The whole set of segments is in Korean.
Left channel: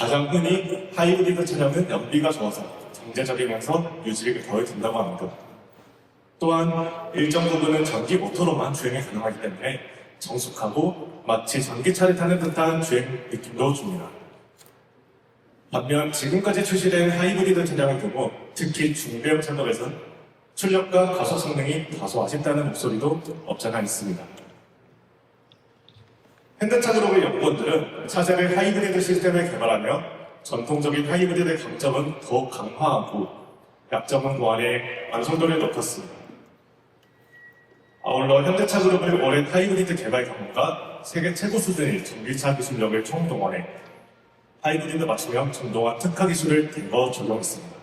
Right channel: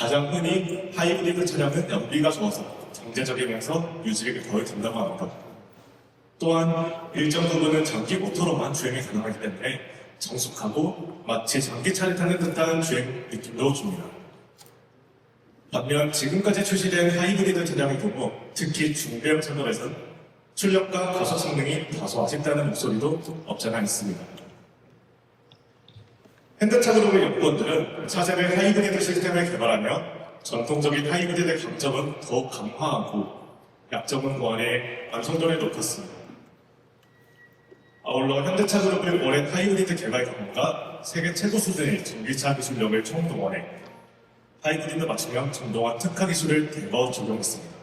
가장 흔히 하이브리드 차량은 연비가 좋아서 경제적이면서 유지력이 덜 든다고 하는 것. 또한 일정 부분은 전기 모터로만 주행이 가능하기 때문에 정숙하고 마치 전기차를 타는 듯한 주행 느낌도 줍니다. 반면 지금까지 출시된 하이브리드 차량의 경우 특히 중대형 차량에서는 출력과 가속 성능이 다소 아쉽다는 목소리도 없잖아 있습니다. 현대차그룹의 연구원들은 차세대 하이브리드 시스템을 개발하며 전통적인 하이브리드의 강점은 더욱 강화하고 약점은 보완해 완성도를 높였습니다. 아울러 현대차그룹의 오랜 하이브리드 개발 경험과 세계 최고 수준의 전기차 기술력을 총동원해 하이브리드 맞춤형 전동화 특화 기술을 대거 적용했습니다.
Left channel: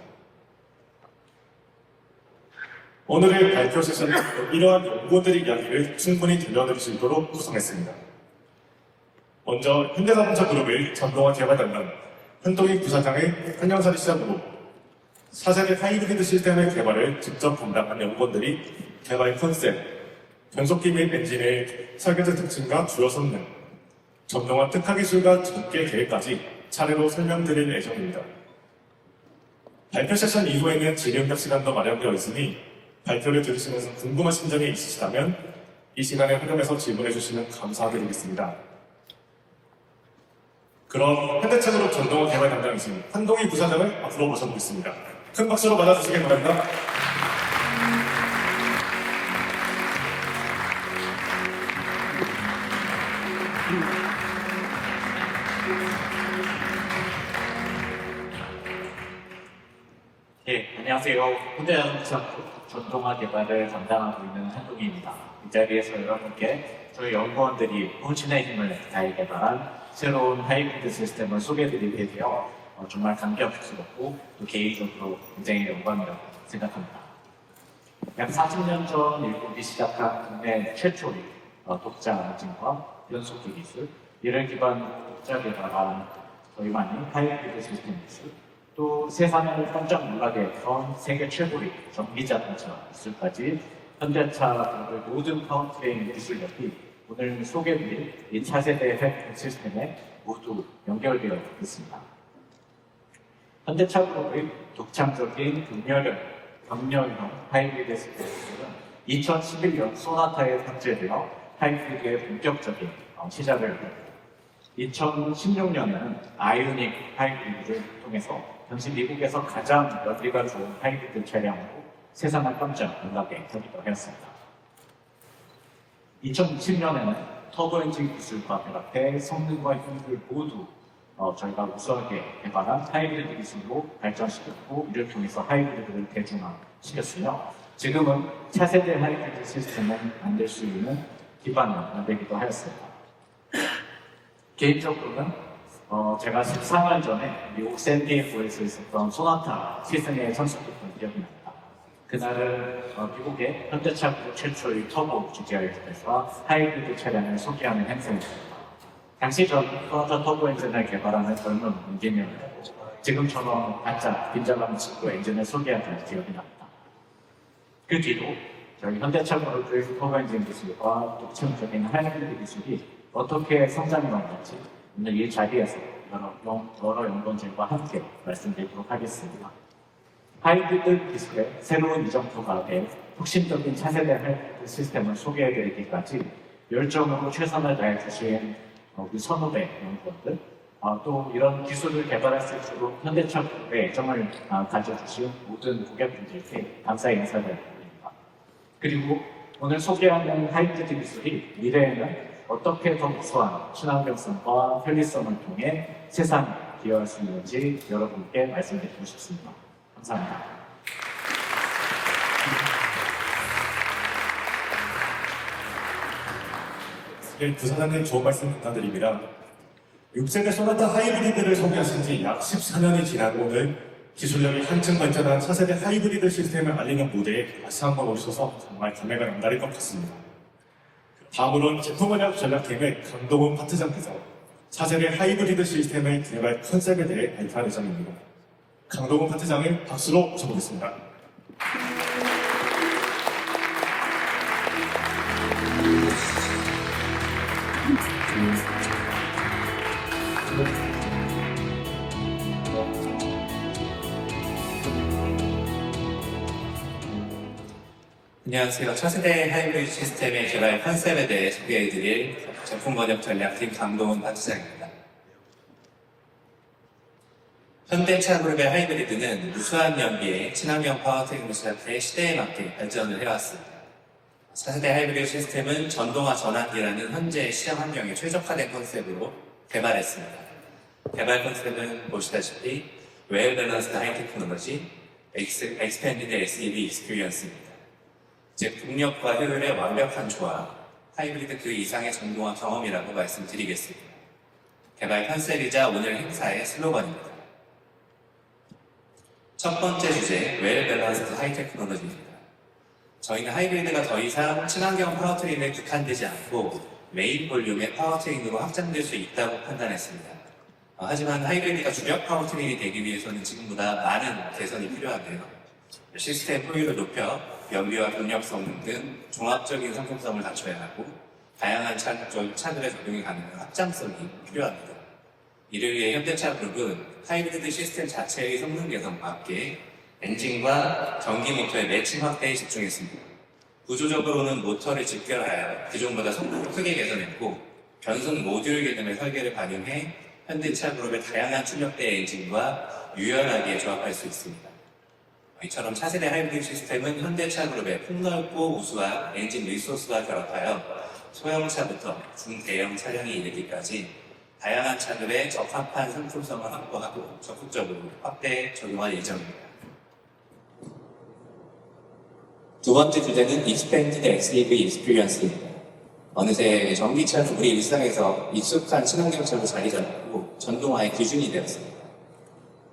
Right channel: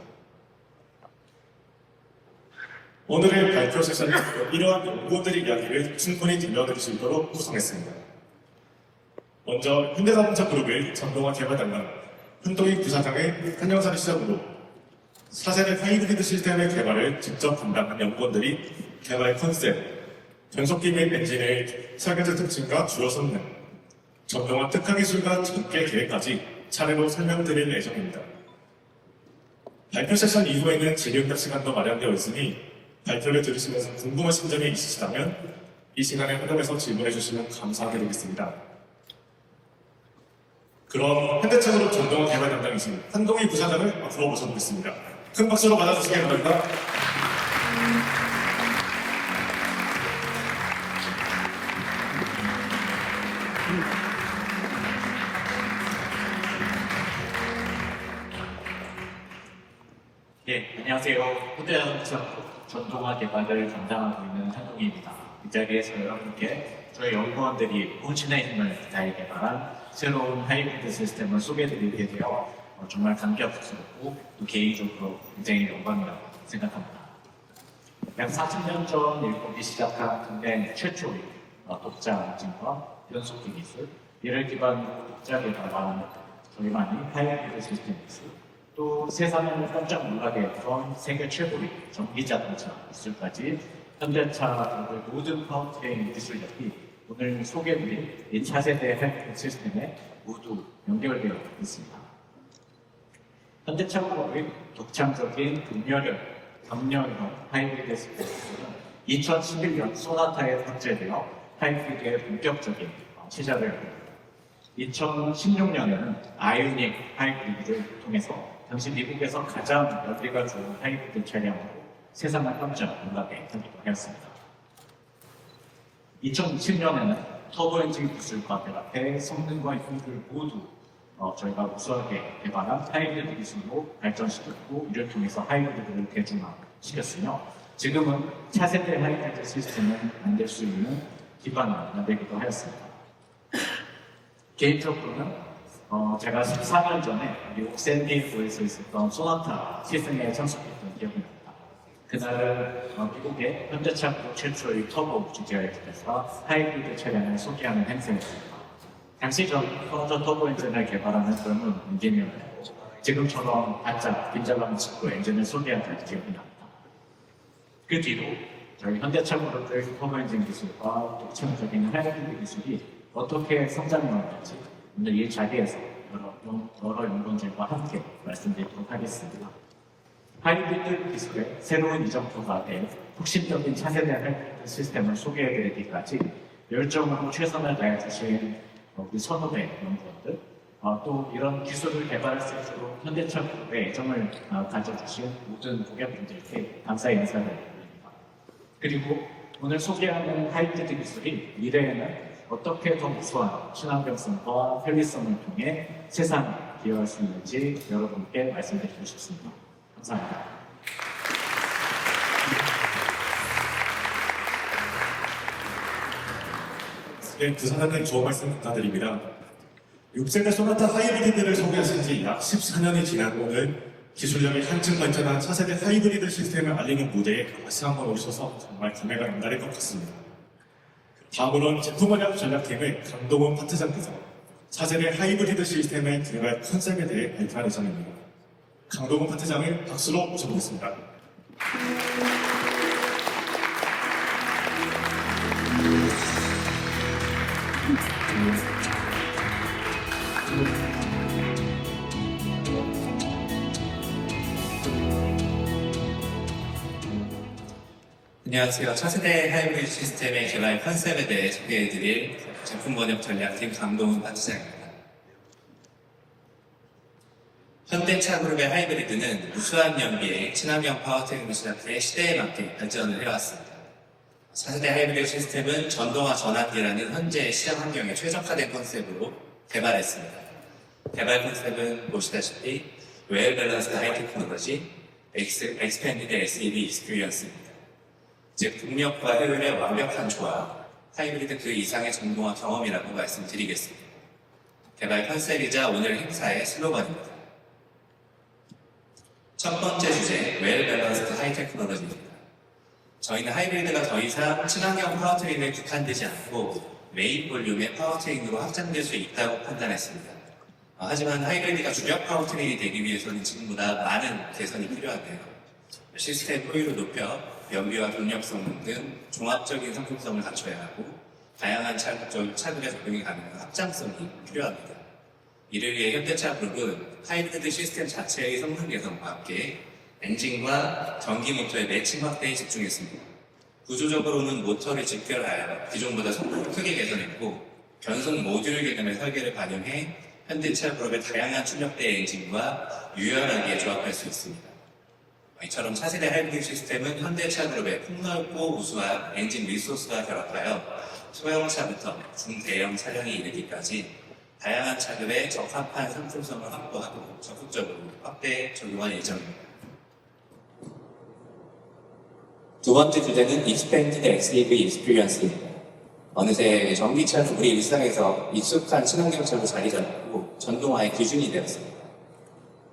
오늘의 발표 세션은 이러한 연구원들의 이야기를 충분히 들려드릴 수 있도록 구성했습니다. 먼저 현대자동차 그룹의 전동화 개발단은 현동희 부사장의 한영사를 시작으로 4세대 하이브리드 시스템의 개발을 직접 담당한 연구원들이 개발 컨셉, 변속기 및 엔진의 설계적 특징과 주요 성능, 전동화 특화 기술과 전개 계획까지 차례로 설명드릴 예정입니다. 발표 세션 이후에는 질의응답 시간도 마련되어 있으니 발표를 들으시면서 궁금하신 점이 있으시다면 이 시간에 활용해서 질문해 주시면 감사하겠습니다. 그럼 현대차그룹 전동화 개발 담당이신 한동희 부사장을 앞으로 모셔보겠습니다. 큰 박수로 맞아주시기 바랍니다. 네, 안녕하세요. 현대자동차 전동화 개발을 담당하고 있는 한동희입니다. 이 자리에서 여러분께 저희 연구원들이 혼신의 힘을 다해 개발한 새로운 하이브리드 시스템을 소개해드리게 되어 정말 감격스럽고 또 개인적으로 굉장히 영광이라고 생각합니다. 약 40년 전 일본이 시작한 국내 최초의 독자 엔진과 연속기 기술, 이를 기반으로 독자 개발한 저희만의 하이브리드 시스템 기술, 또 세상을 깜짝 놀라게 했던 세계 최고의 전기자동차 기술까지 현대차의 모든 파워트레인 기술력이 오늘 소개드릴 이 차세대 하이브리드 시스템에 모두 연결되어 있습니다. 현대차그룹의 독창적인 경렬형 하이브리드 시스템은 2011년 소나타에 탑재되어 하이브리드의 본격적인 시작을 했습니다. 2016년에는 아이오닉 하이브리드를 통해서 당시 미국에서 가장 연비가 좋은 하이브리드 차량으로 세상을 깜짝 놀라게 하기도 했습니다. 2020년에는 터보 엔진 기술과 결합해 성능과 효율을 모두 저희가 우수하게 개발한 하이브리드 기술로 발전시켰고, 이를 통해서 하이브리드를 대중화시켰으며 지금은 차세대 하이브리드 시스템을 만들 수 있는 기반을 만들기도 하였습니다. 개인적으로는 제가 14년 전에 미국 샌디에고에서 있었던 소나타 시즌에 참석했던 기억이 납니다. 그날 미국의 현대차 최초의 터보 주제어에서 하이브리드 차량을 소개하는 행사였습니다. 당시 저는 퍼저 터보 엔진을 개발하는 젊은 엔지니어였고 지금처럼 바짝 빈자감 치고 엔진을 소개하는 기억이 납니다. 그 뒤로 저희 현대차그룹의 터보 엔진 기술과 독창적인 하이브리드 기술이 어떻게 성장해 왔는지 오늘 이 자리에서 여러 연구원들과 함께 말씀드리도록 하겠습니다. 하이브리드 기술의 새로운 이정표가 돼 혁신적인 차세대 하이브리드 시스템을 소개해드리기까지 열정으로 최선을 다해주신 우리 선후배 연구원들, 또 이런 기술을 개발할 수 있도록 현대차그룹의 애정을 가져주신 모든 고객분들께 감사의 인사를 드립니다. 그리고 오늘 소개하는 하이브리드 기술이 미래에는 어떻게 더 우수한 친환경성과 편리성을 통해 세상에 기여할 수 있는지 여러분께 말씀드리고 싶습니다. 감사합니다. 네, 부사장님 좋은 말씀 부탁드립니다. 6세대 소나타 하이브리드를 소개하신 지 약 14년이 지난 오늘 기술력이 한층 발전한 차세대 하이브리드 시스템을 알리는 무대에 다시 한번 오셔서 정말 감회가 남다를 것 같습니다. 다음으로는 제품관련 전략팀의 강동원 파트장께서 차세대 하이브리드 시스템의 개발 컨셉에 대해 발표할 예정입니다. 강동원 파트장을 박수로 모셔보겠습니다. 안녕하세요. 차세대 하이브리드 시스템의 개발 컨셉에 대해 소개해드릴 제품 번역 전략팀 강동훈 파트장입니다. 현대차 그룹의 하이브리드는 우수한 연비의 친환경 파워트레인을 시작해 시대에 맞게 발전을 해왔습니다. 차세대 하이브리드 시스템은 전동화 전환기라는 현재의 시장 환경에 최적화된 컨셉으로 개발했습니다. 개발 컨셉은 보시다시피 웰 밸런스드 하이 테크놀로지, 익스펜디드 SEV 익스피리언스입니다. 즉, 동력과 효율의 완벽한 조합, 하이브리드 그 이상의 전동화 경험이라고 말씀드리겠습니다. 개발 컨셉이자 오늘 행사의 슬로건입니다. 첫 번째 주제, 웰 밸런스드 하이 테크놀로지입니다. 저희는 하이브리드가 더 이상 친환경 파워트레인에 국한되지 않고 메인 볼륨의 파워트레인으로 확장될 수 있다고 판단했습니다. 하지만 하이브리드가 주력 파워트레인이 되기 위해서는 지금보다 많은 개선이 필요한데요. 시스템 효율을 높여 연비와 동력 성능 등 종합적인 성품성을 갖춰야 하고 다양한 차들에 적용이 가능한 확장성이 필요합니다. 이를 위해 현대차 그룹은 하이브리드 시스템 자체의 성능 개선과 함께 엔진과 전기 모터의 매칭 확대에 집중했습니다. 구조적으로는 모터를 직결하여 기존보다 성능을 크게 개선했고 변속 모듈 개념의 설계를 반영해 현대차 그룹의 다양한 출력대 엔진과 유연하게 조합할 수 있습니다. 이처럼 차세대 하이브리드 시스템은 현대차 그룹의 폭넓고 우수한 엔진 리소스와 결합하여 소형차부터 중대형 차량에 이르기까지 다양한 차들의 적합한 상품성을 확보하고 적극적으로 확대에 적용할 예정입니다. 두 번째 주제는 익스펜디드 SEV 익스피리언스입니다. 어느새 전기차는 우리 일상에서 익숙한 친환경차로 자리 잡고 전동화의 기준이 되었습니다.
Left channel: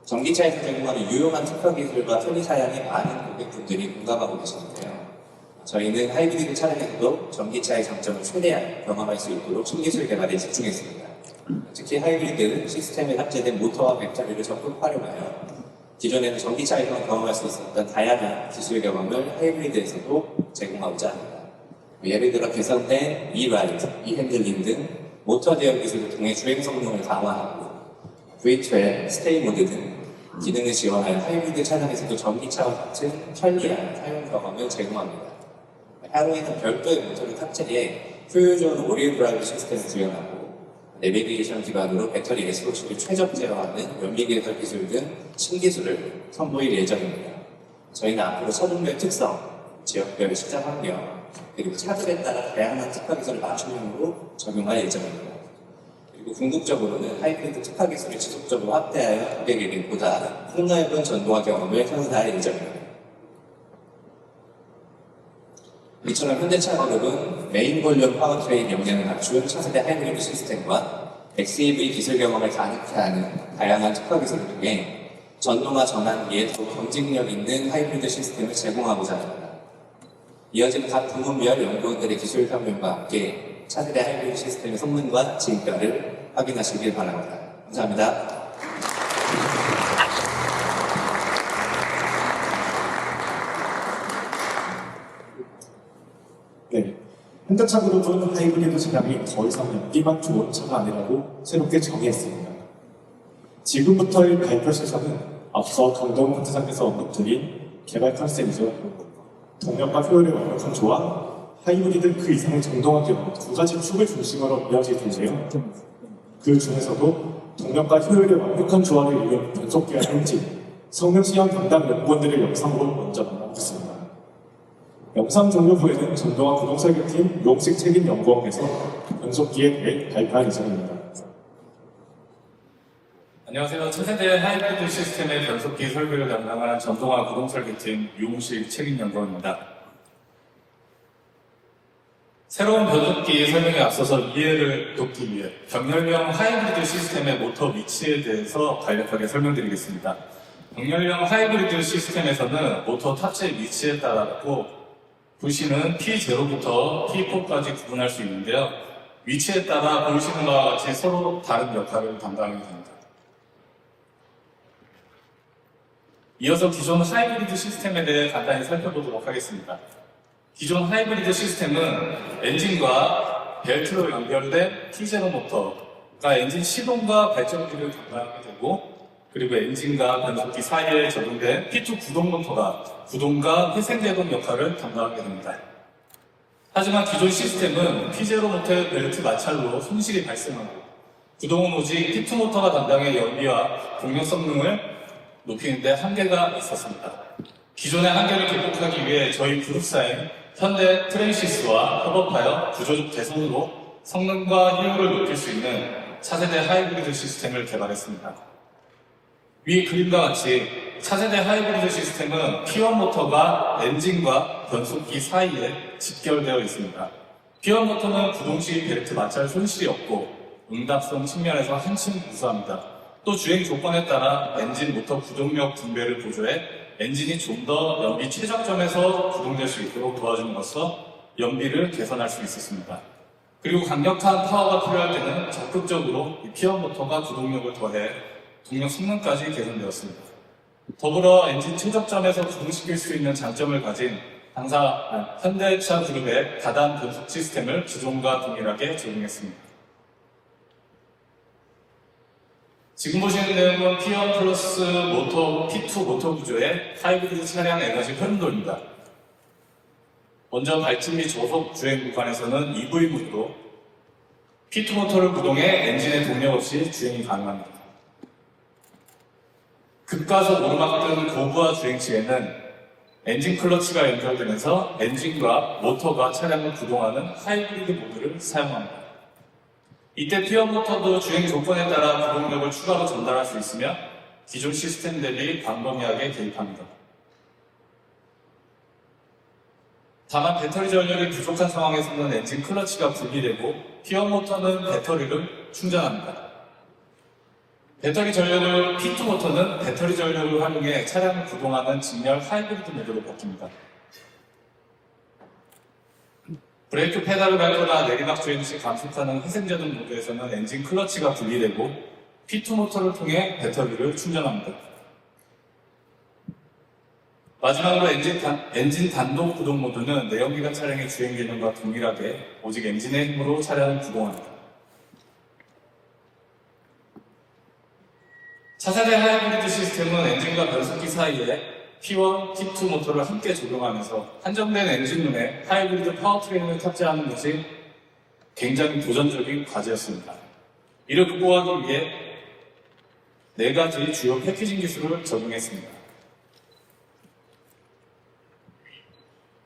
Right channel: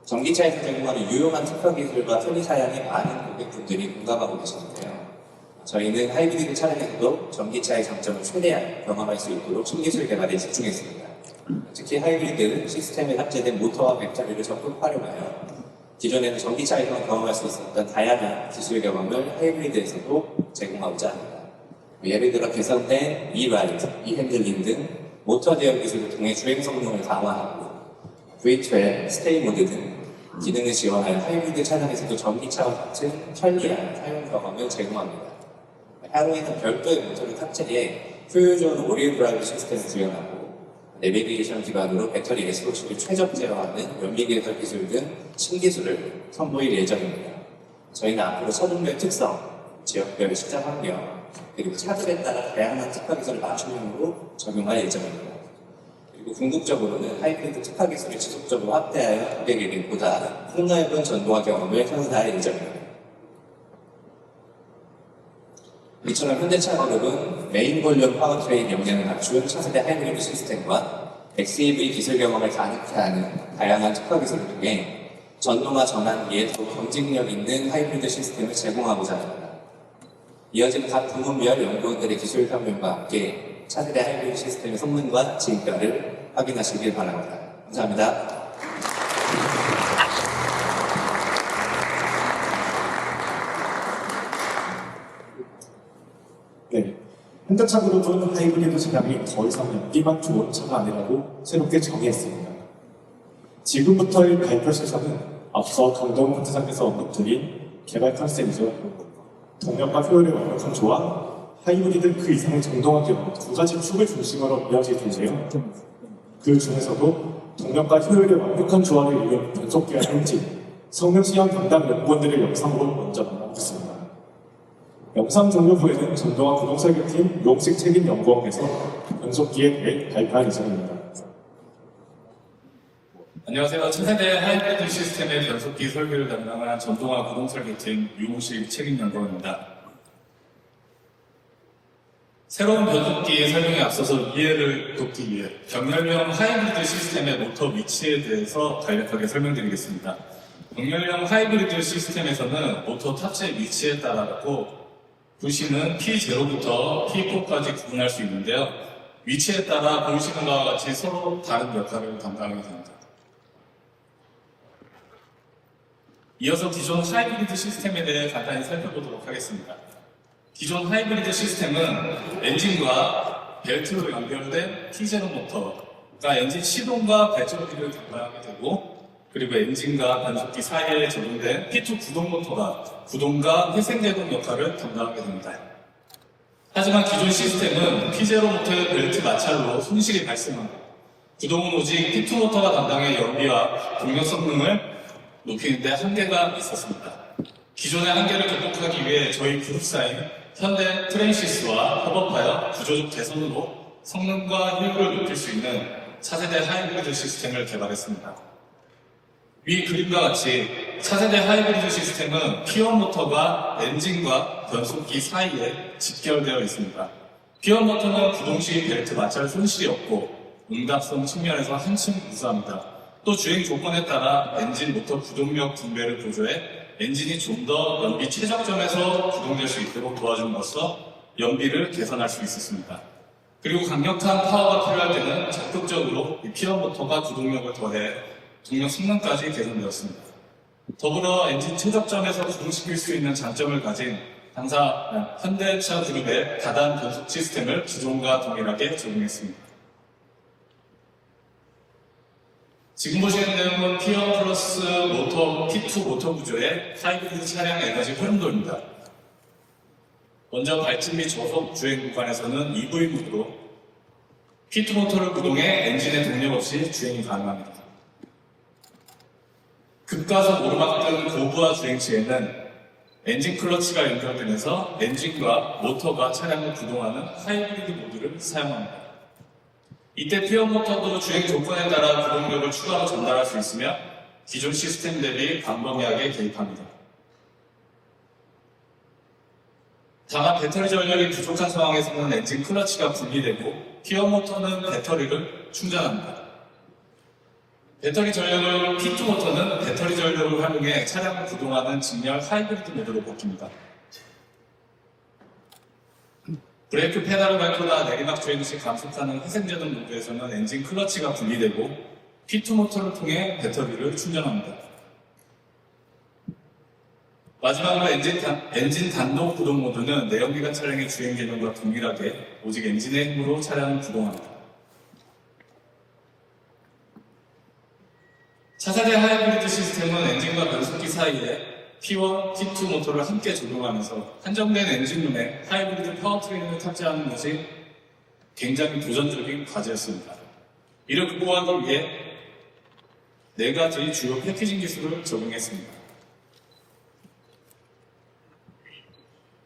전기차에서 제공하는 유용한 특허 기술과 편의 사양에 많은 고객분들이 공감하고 계시는데요. 저희는 하이브리드 차량에서도 전기차의 장점을 최대한 경험할 수 있도록 신기술 개발에 집중했습니다. 특히 하이브리드 시스템에 탑재된 모터와 배터리를 적극 활용하여 기존에는 전기차에서 경험할 수 있었던 다양한 기술 경험을 하이브리드에서도 제공하고자 합니다. 예를 들어 개선된 E-라이트, E-핸들링 등 모터 대응 기술을 통해 주행 성능을 강화하고 V12, 스테이 모드 등 기능을 지원하여 하이브리드 차량에서도 전기차와 같은 편리한 사용 경험을 제공합니다. 하루에는 별도의 모터를 탑재해 효율적인 오리온 드라이브 시스템을 구현하고 내비게이션 기반으로 배터리 SOC를 최적 제어하는 연비 개선 기술 등 신기술을 선보일 예정입니다. 저희는 앞으로 차종별 특성, 지역별 시장 환경, 그리고 차들에 따라 다양한 특화 기술을 맞춤형으로 적용할 예정입니다. 그리고 궁극적으로는 하이브리드 특화 기술을 지속적으로 확대하여 고객에게 보다 폭넓은 전동화 경험을 선사할 예정입니다. 이처럼 현대차 그룹은 메인 볼륨 파워트레인 역량을 갖춘 차세대 하이브리드 시스템과 XEV 기술 경험을 가능케 하는 다양한 특화 기술을 통해 전동화 전환기에 더 경쟁력 있는 하이브리드 시스템을 제공하고자 합니다. 이어지는 각 부문별 연구원들의 기술 평론과 함께 차세대 하이브리드 시스템의 성능과 진가를 확인하시길 바랍니다. 감사합니다. 네, 현대차 그룹은 하이브리드 차량이 더 이상 연비만 좋은 차가 아니라고 새롭게 정의했습니다. 지금부터의 발표 세션은 앞서 강동훈 부사장께서 언급드린 개발 컨셉이죠. 동력과 효율의 완벽한 조합, 하이브리드 그 이상의 전동화 기업 두 가지 축을 중심으로 이어질 텐데요. 그 중에서도 동력과 효율의 완벽한 조합을 이룬 변속기와 엔진, 성능 시험 담당 연구원들의 영상으로 먼저 만나보겠습니다. 영상 종료 후에는 전동화 구동 설계팀 용식 책임 연구원에서 변속기에 대해 발표할 예정입니다. 안녕하세요. 차세대 하이브리드 시스템의 변속기 설계를 담당한 전동화 구동 설계팀 유무식 책임연구원입니다. 새로운 변속기 설명에 앞서서 이해를 돕기 위해 병렬형 하이브리드 시스템의 모터 위치에 대해서 간략하게 설명드리겠습니다. 병렬형 하이브리드 시스템에서는 모터 탑재 위치에 따라서 부시는 P0부터 P4까지 구분할 수 있는데요. 위치에 따라 보시는 바와 같이 서로 다른 역할을 담당하게 됩니다. 이어서 기존 하이브리드 시스템에 대해 간단히 살펴보도록 하겠습니다. 기존 하이브리드 시스템은 엔진과 벨트로 연결된 T0 모터가 엔진 시동과 발전기를 담당하게 되고 그리고 엔진과 변속기 사이에 적용된 P2 구동 모터가 구동과 회생제동 역할을 담당하게 됩니다. 하지만 기존 시스템은 P0 모터의 벨트 마찰로 손실이 발생하고 구동은 오직 P2 모터가 담당의 연비와 동력 성능을 높이는 데 한계가 있었습니다. 기존의 한계를 극복하기 위해 저희 그룹사인 현대 트랜시스와 협업하여 구조적 개선으로 성능과 효율을 높일 수 있는 차세대 하이브리드 시스템을 개발했습니다. 위 그림과 같이 차세대 하이브리드 시스템은 P1 모터가 엔진과 변속기 사이에 직결되어 있습니다. P1 모터는 구동 시 벨트 마찰 손실이 없고 응답성 측면에서 한층 우수합니다. 또 주행 조건에 따라 엔진 모터 구동력 분배를 보조해 엔진이 좀 더 연비 최적점에서 구동될 수 있도록 도와줌으로써 연비를 개선할 수 있었습니다. 그리고 강력한 파워가 필요할 때는 적극적으로 이 P1 모터가 구동력을 더해 동력 성능까지 개선되었습니다. 더불어 엔진 최적점에서 구동시킬 수 있는 장점을 가진 현대차 그룹의 다단 변속 시스템을 기존과 동일하게 적용했습니다. 지금 보시는 내용은 P1 플러스 모터, P2 모터 구조의 하이브리드 차량 4가지 흐름도입니다. 먼저 발진 및 저속 주행 구간에서는 EV 모드로 P2 모터를 구동해 엔진의 동력 없이 주행이 가능합니다. 급가속 오르막 등 고부하 주행 시에는 엔진 클러치가 연결되면서 엔진과 모터가 차량을 구동하는 하이브리드 모드를 사용합니다. 이때 P1 모터도 주행 조건에 따라 구동력을 추가로 전달할 수 있으며 기존 시스템 대비 광범위하게 개입합니다. 다만 배터리 전력이 부족한 상황에서는 엔진 클러치가 분리되고 P1 모터는 배터리를 충전합니다. 배터리 전력을 P2 모터는 배터리 전력을 활용해 차량을 구동하는 직렬 하이브리드 모드로 바뀝니다. 브레이크 페달을 밟거나 내리막 주행 시 감속하는 회생제동 모드에서는 엔진 클러치가 분리되고 P2 모터를 통해 배터리를 충전합니다. 마지막으로 엔진 단독 구동 모드는 내연기관 차량의 주행 개념과 동일하게 오직 엔진의 힘으로 차량을 구동합니다. 차세대 하이브리드 시스템은 엔진과 변속기 사이에 P1, P2 모터를 함께 적용하면서 한정된 엔진룸에 하이브리드 파워트레인을 탑재하는 것이 굉장히 도전적인 과제였습니다. 이를 극복하기 위해 4가지 주요 패키징 기술을 적용했습니다.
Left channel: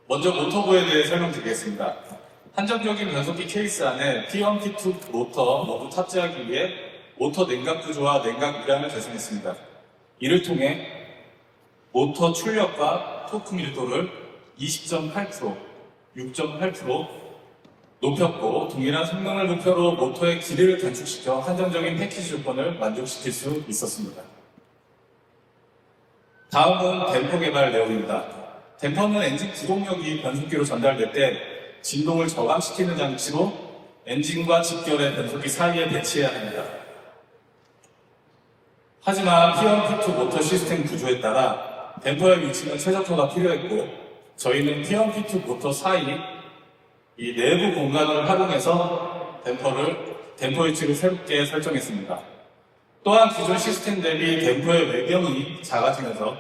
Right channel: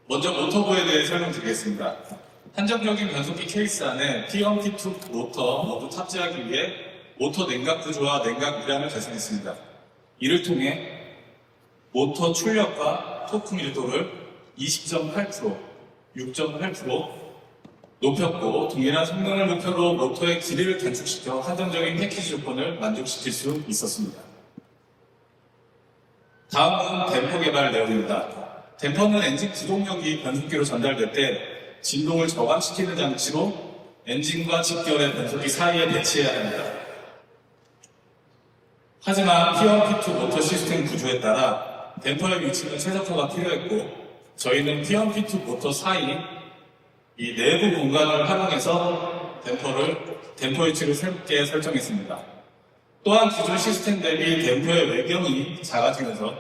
먼저 모터부에 대해 설명드리겠습니다. 한정적인 변속기 케이스 안에 P1, P2 모터 모두 탑재하기 위해 모터 냉각 구조와 냉각 물량을 개선했습니다. 이를 통해 모터 출력과 토크 밀도를 20.8%, 6.8% 높였고 동일한 성능을 목표로 모터의 길이를 단축시켜 한정적인 패키지 조건을 만족시킬 수 있었습니다. 다음은 댐퍼 개발 내용입니다. 댐퍼는 엔진 구동력이 변속기로 전달될 때 진동을 저감시키는 장치로 엔진과 직결의 변속기 사이에 배치해야 합니다. 하지만 P1, P2 모터 시스템 구조에 따라 댐퍼의 위치는 최적화가 필요했고 저희는 P1, P2 모터 사이 이 내부 공간을 활용해서 댐퍼 위치를 새롭게 설정했습니다. 또한 기존 시스템 대비 댐퍼의 외경이 작아지면서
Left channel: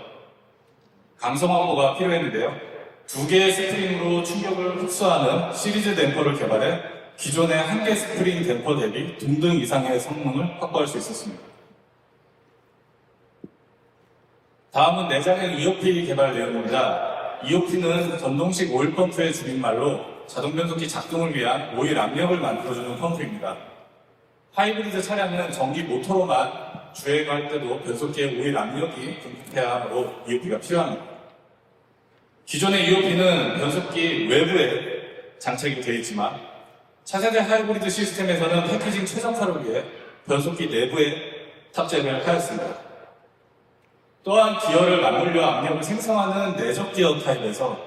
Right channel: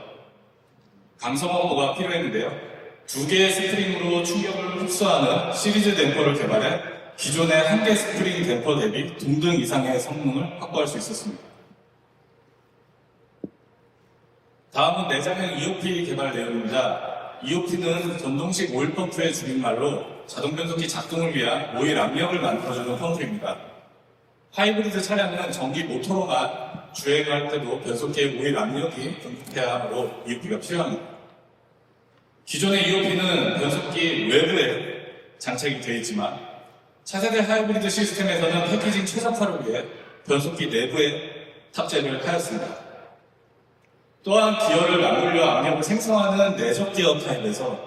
강성 확보가 필요했는데요. 2개의 스프링으로 충격을 흡수하는 시리즈 댐퍼를 개발해 기존의 1개 스프링 댐퍼 대비 동등 이상의 성능을 확보할 수 있었습니다. 다음은 내장형 EOP 개발 내용입니다. EOP는 전동식 오일 펌프의 줄임말로 자동 변속기 작동을 위한 오일 압력을 만들어주는 펌프입니다. 하이브리드 차량은 전기 모터로만 주행할 때도 변속기에 오일 압력이 공급해야 하므로 EOP가 필요합니다. 기존의 EOP는 변속기 외부에 장착이 되어 있지만 차세대 하이브리드 시스템에서는 패키징 최적화를 위해 변속기 내부에 탑재를 하였습니다. 또한 기어를 맞물려 압력을 생성하는 내적 기어 타입에서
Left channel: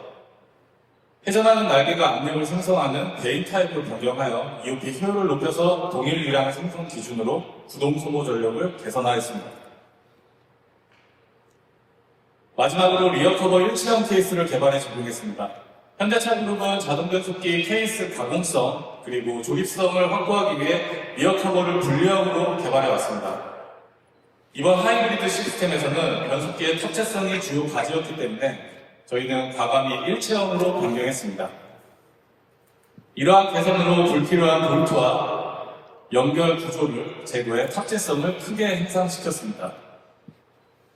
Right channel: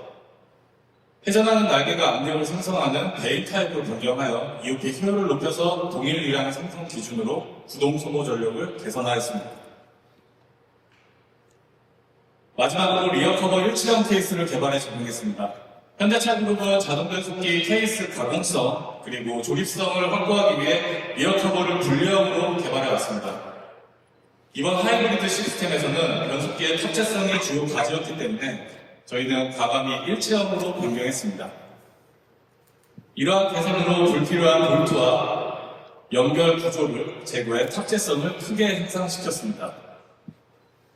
회전하는 날개가 압력을 생성하는 베일 타입으로 변경하여 EOP 효율을 높여서 동일 유량 생성 기준으로 구동 소모 전력을 개선하였습니다. 마지막으로 리어 커버 일치형 케이스를 개발해 적용했습니다. 현대차 그룹은 자동 변속기 케이스 가공성 그리고 조립성을 확보하기 위해 리어 커버를 분리형으로 개발해 왔습니다. 이번 하이브리드 시스템에서는 변속기의 탑재성이 주요 과제였기 때문에 저희는 과감히 일체형으로 변경했습니다. 이러한 개선으로 불필요한 볼트와 연결 구조를 제거해 탑재성을 크게 향상시켰습니다.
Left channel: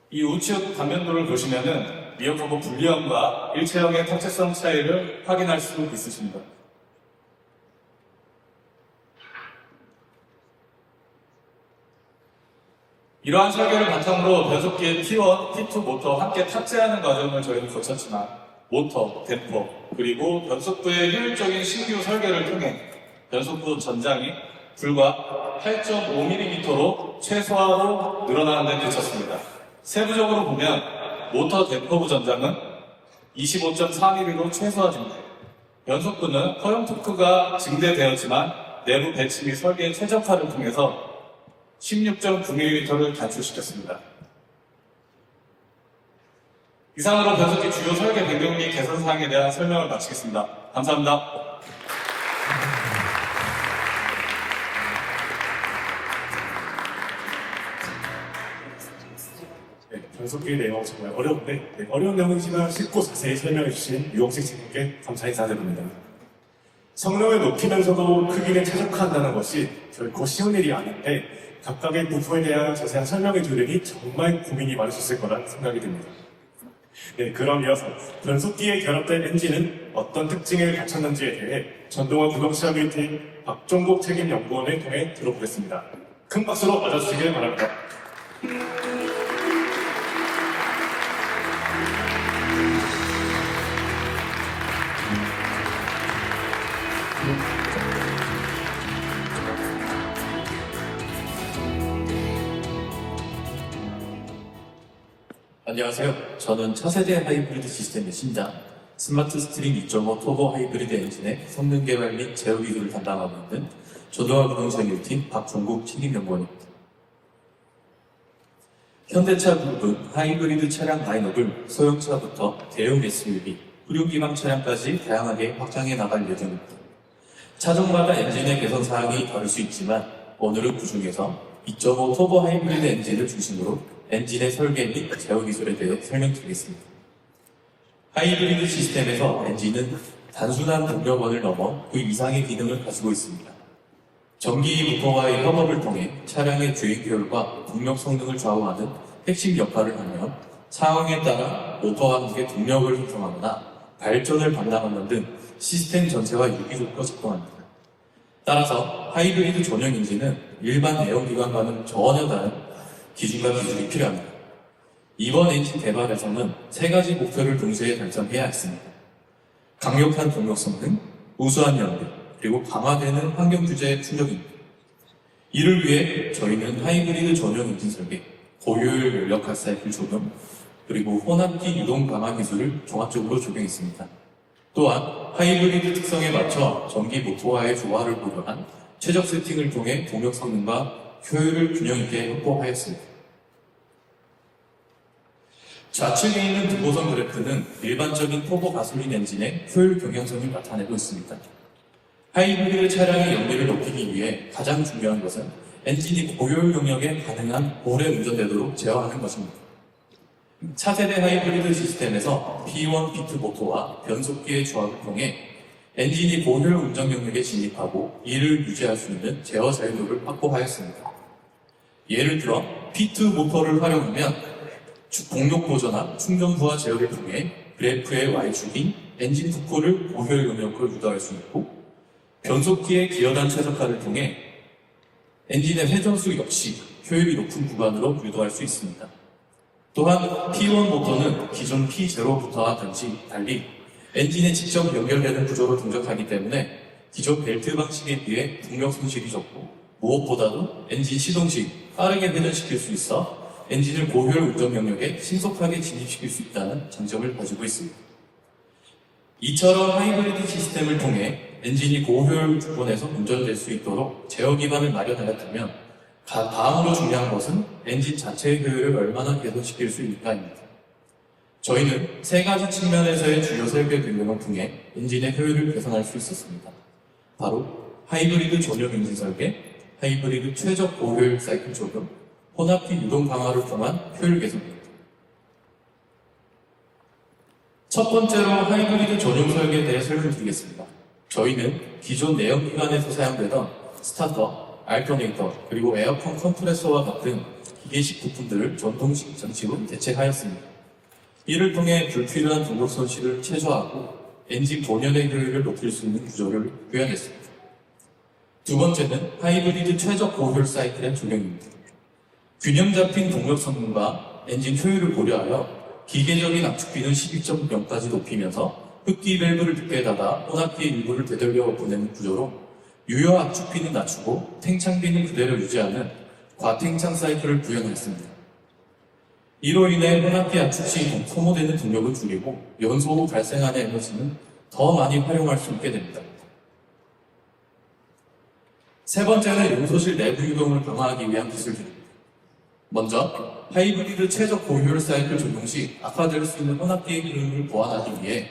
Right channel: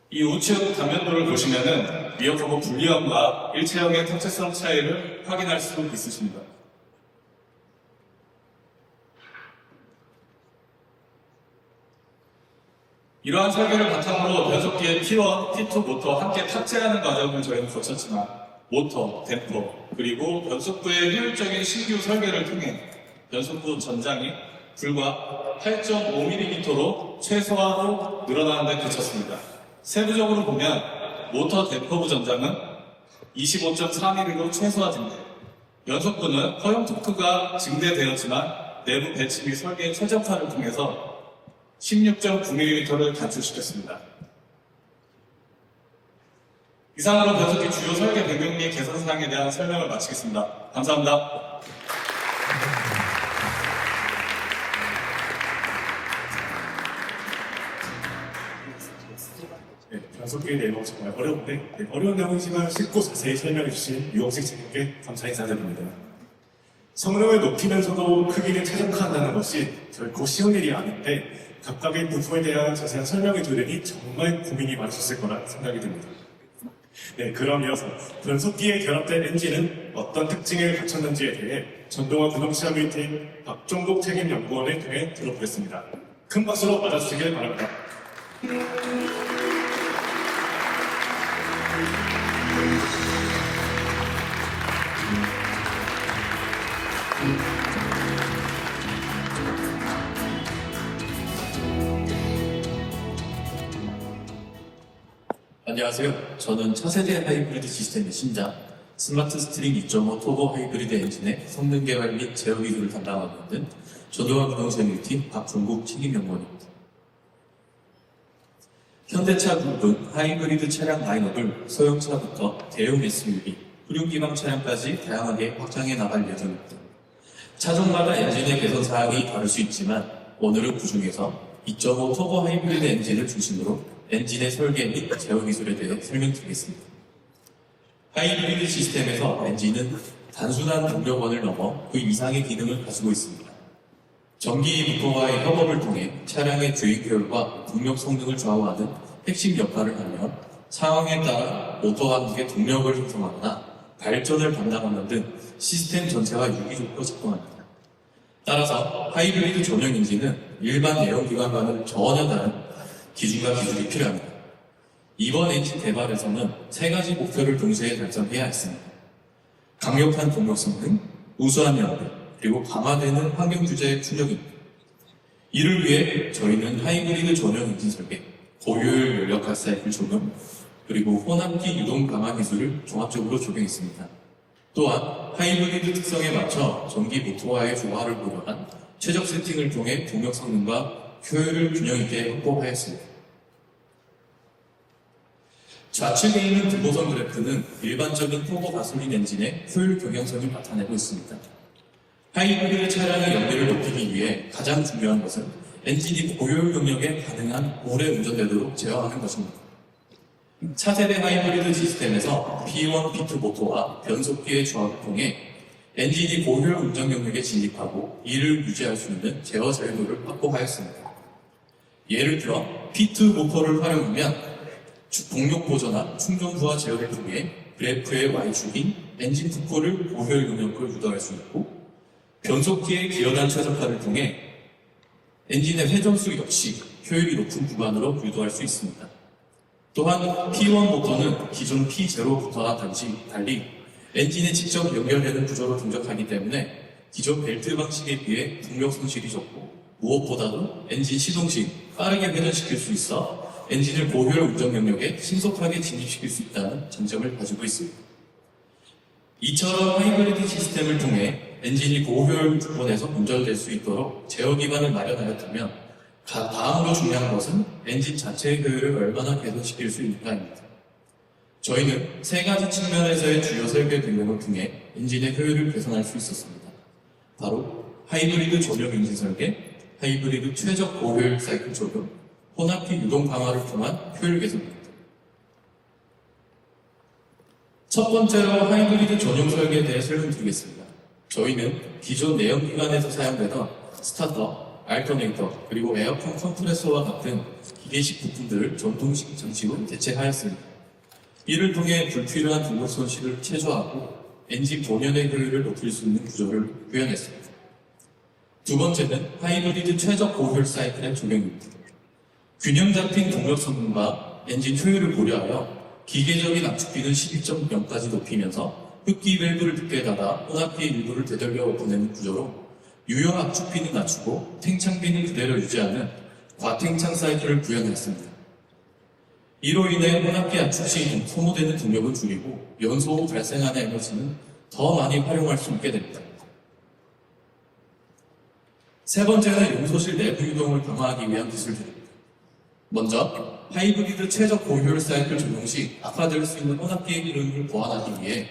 이 우측 단면도를 보시면은 미어터보 분리형과 일체형의 탑재성 차이를 확인할 수 있으십니다. 이러한 설계를 바탕으로 변속기의 T1, T2 모터 함께 탑재하는 과정을 저희는 거쳤지만 모터, 댐퍼, 그리고 변속부의 효율적인 신규 설계를 통해 변속부 전장이 불과 8.5mm로 최소화로 늘어나는 데 그쳤습니다. 세부적으로 보면 모터 댐퍼부 전장은 25.4mm로 최소화됩니다. 변속부는 허용 토크가 증대되었지만 내부 배치 및 설계 최적화를 통해서 16.9mm를 단축시켰습니다. 이상으로 변속기 주요 설계 변경 및 개선 사항에 대한 설명을 마치겠습니다. 감사합니다. 네, 변속기 내용 정말 어려운데 어려운 내용이지만 쉽고 자세히 설명해 주신 유영식 선생님께 감사 인사드립니다. 성능을 높이면서도 크기를 최적화한다는 것이 결코 쉬운 일이 아닌데 각각의 부품에 대한 자세한 설명해 주려니 정말 고민이 많으셨을 거라 생각이 듭니다. 네, 그럼 이어서 변속기에 결합된 엔진은 어떤 특징을 갖췄는지에 대해 전동화 구동시험 뮤팅 박종국 책임연구원을 통해 들어보겠습니다. 큰 박수로 맞아주시길 바랍니다. 안녕하세요. 저는 차세대 하이브리드 시스템의 신장, 스마트 스트림 2.5 토보 하이브리드 엔진의 성능 개발 및 제어 기술을 담당하고 있는 전동화 부동산 일팀 박종국 책임연구원입니다. 현대차 그룹은 하이브리드 차량 라인업을 소형차부터 대형 SUV, 흡용기망 차량까지 다양하게 확장해 나갈 예정입니다. 차종마다 엔진의 개선 사항이 다를 수 있지만 오늘은 그 중에서 2.5 토보 하이브리드 엔진을 중심으로 엔진의 설계 및 제어 기술에 대해 설명드리겠습니다. 하이브리드 시스템에서 엔진은 단순한 동력원을 넘어 그 이상의 기능을 가지고 있습니다. 전기 모터와의 협업을 통해 차량의 주행 효율과 동력 성능을 좌우하는 핵심 역할을 하며 상황에 따라 모터와 함께 동력을 형성하거나 발전을 반납하는 등 시스템 전체와 유기적으로 작동합니다. 따라서 하이브리드 전용 엔진은 일반 내연기관과는 전혀 다른 기준과 기술이 필요합니다. 이번 엔진 개발에서는 세 가지 목표를 동시에 달성해야 했습니다. 강력한 동력 성능, 우수한 연비, 그리고 강화되는 환경 규제의 충족입니다. 이를 위해 저희는 하이브리드 전용 엔진 설계, 고효율 연력화 사이클 적용, 그리고 혼합기 유동 방화 기술을 종합적으로 적용했습니다. 또한 하이브리드 특성에 맞춰 전기 모터와의 조화를 고려한 최적 세팅을 통해 동력 성능과 효율을 균형 있게 확보하였습니다. 좌측에 있는 두보선 그래프는 일반적인 토보 가솔린 엔진의 효율 경향성을 나타내고 있습니다. 하이브리드 차량의 연비를 높이기 위해 가장 중요한 것은 엔진이 고효율 영역에 가능한 오래 운전되도록 제어하는 것입니다. 차세대 하이브리드 시스템에서 P1, P2 모터와 변속기의 조합을 통해 엔진이 고효율 운전 영역에 진입하고 이를 유지할 수 있는 제어 자유도를 확보하였습니다. 예를 들어 P2 모터를 활용하면 공력 보조나 충전 부하 제어를 통해 그래프의 Y축인 엔진 부포를 고효율 영역으로 유도할 수 있고 변속기의 기어단 최적화를 통해 엔진의 회전수 역시 효율이 높은 구간으로 유도할 수 있습니다. 또한 P1 모터는 기존 P0부터와 달리 엔진에 직접 연결되는 구조로 동작하기 때문에 기존 벨트 방식에 비해 동력 손실이 적고 무엇보다도 엔진 시동 시 빠르게 회전시킬 수 있어 엔진을 고효율 운전 영역에 신속하게 진입시킬 수 있다는 장점을 가지고 있습니다. 이처럼 하이브리드 시스템을 통해 엔진이 고효율 부분에서 운전될 수 있도록 제어 기반을 마련하였다면 다음으로 중요한 것은 엔진 자체의 효율을 얼마나 개선시킬 수 있는가입니다. 저희는 세 가지 측면에서의 주요 설계 변경을 통해 엔진의 효율을 개선할 수 있었습니다. 바로 하이브리드 전용 엔진 설계, 하이브리드 최적 고효율 사이클 적용, 혼합기 유동 강화를 통한 효율 개선입니다. 첫 번째로 하이브리드 전용 설계에 대해 설명드리겠습니다. 저희는 기존 내연 기관에서 사용되던 스타터, 알터네이터, 그리고 에어컨 컴프레서와 같은 기계식 부품들을 전통식 장치로 대체하였습니다. 이를 통해 불필요한 도구 손실을 최소화하고 엔진 본연의 효율을 높일 수 있는 구조를 구현했습니다. 두 번째는 하이브리드 최적 고효율 사이클의 적용입니다. 균형 잡힌 동력 성능과 엔진 효율을 고려하여 기계적인 압축비는 12.0까지 높이면서 흡기 밸브를 늦게다가 혼합기의 일부를 되돌려 보내는 구조로 유효 압축비는 낮추고 탱창비는 그대로 유지하는 과탱창 사이클을 구현했습니다. 이로 인해 혼합기 압축 시 소모되는 동력을 줄이고 연소 후 발생하는 에너지는 더 많이 활용할 수 있게 됩니다. 세 번째는 연소실 내부 유동을 강화하기 위한 기술들입니다. 먼저 하이브리드 최적 고효율 사이클 적용 시 악화될 수 있는 혼합기의 기능을 보완하기 위해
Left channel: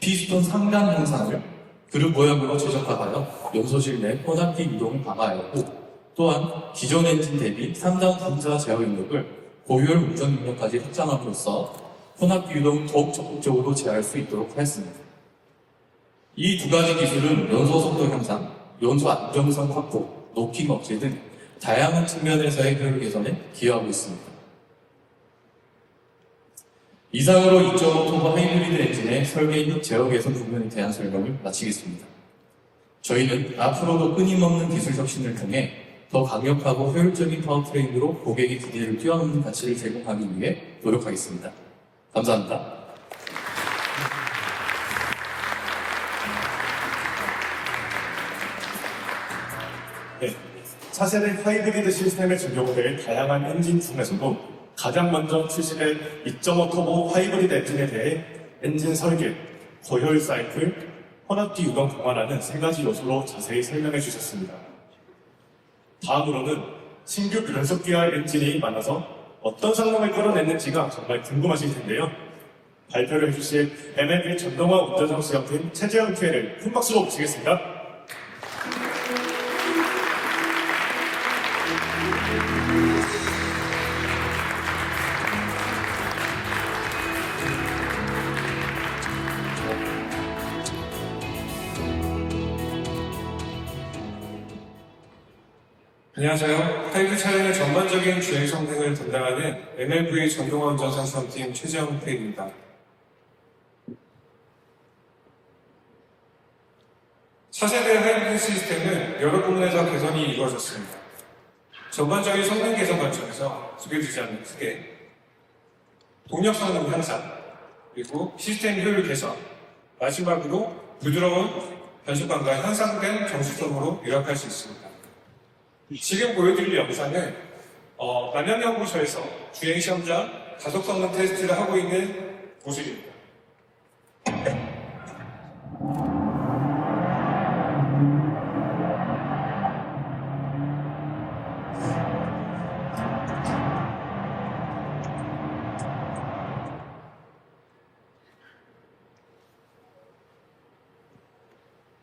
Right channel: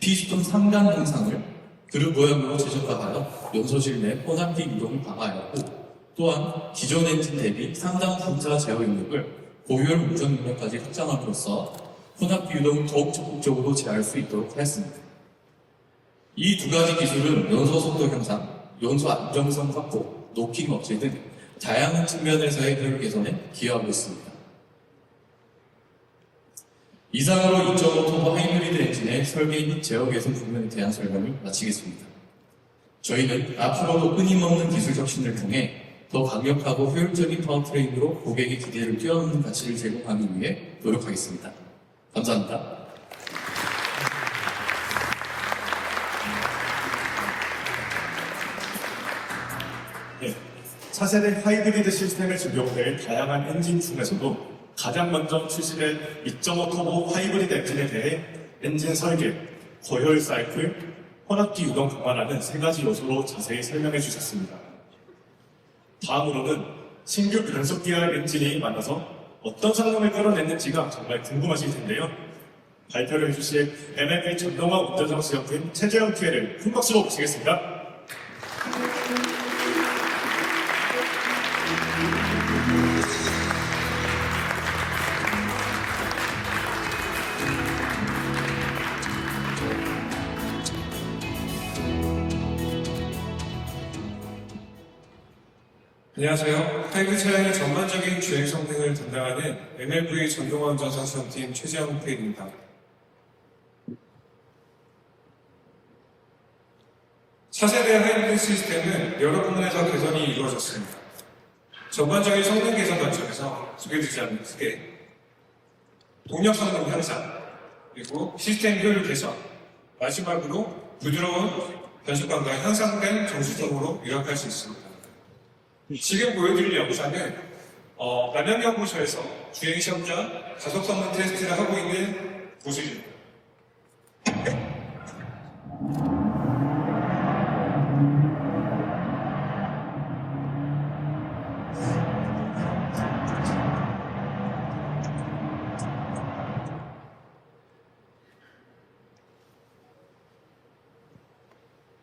피스톤 3간 형상을 그룹 모양으로 최적화하여 연소실 내 혼합기 유동을 강화하였고, 또한 기존 엔진 대비 상당 분자 제어 능력을 고효율 운전 능력까지 확장함으로써 혼합기 유동을 더욱 적극적으로 제어할 수 있도록 하였습니다. 이 두 가지 기술은 연소 속도 향상, 연소 안정성 확보, 노킹 억제 등 다양한 측면에서의 효율 개선에 기여하고 있습니다. 이상으로 2.5톤 하이브리드 엔진의 설계 및 제어 개선 부분에 대한 설명을 마치겠습니다. 저희는 앞으로도 끊임없는 기술 혁신을 통해 더 강력하고 효율적인 파워트레인으로 고객의 기대를 뛰어넘는 가치를 제공하기 위해 노력하겠습니다. 감사합니다. 네, 차세대 하이브리드 시스템을 적용될 다양한 엔진 중에서도 가장 먼저 출시된 2.5 터보 하이브리드 엔진에 대해 엔진 설계, 고효율 사이클, 혼합기 유동 강화라는 세 가지 요소로 자세히 설명해 주셨습니다. 다음으로는 신규 변속기와 엔진이 만나서 어떤 성능을 끌어냈는지가 정말 궁금하실 텐데요. 발표를 해주실 NLP 전동화 운전장 수영팀 최재형 PL을 큰 박수로 모시겠습니다. 안녕하세요. 하이브리드 차량의 전반적인 주행 성능을 담당하는 MLV 전동화 운전사 수험팀 최재형 PL입니다. 차세대 하이브리드 시스템은 여러 부분에서 개선이 이루어졌습니다. 전반적인 성능 개선 관점에서 두개지지 않는 크게 동력 성능 향상, 그리고 시스템 효율 개선, 마지막으로 부드러운 변속감과 향상된 정수성으로 요약할 수 있습니다. 지금 보여드릴 영상은 만년연구소에서 주행시험 전 가속 성능 테스트를 하고 있는 모습입니다.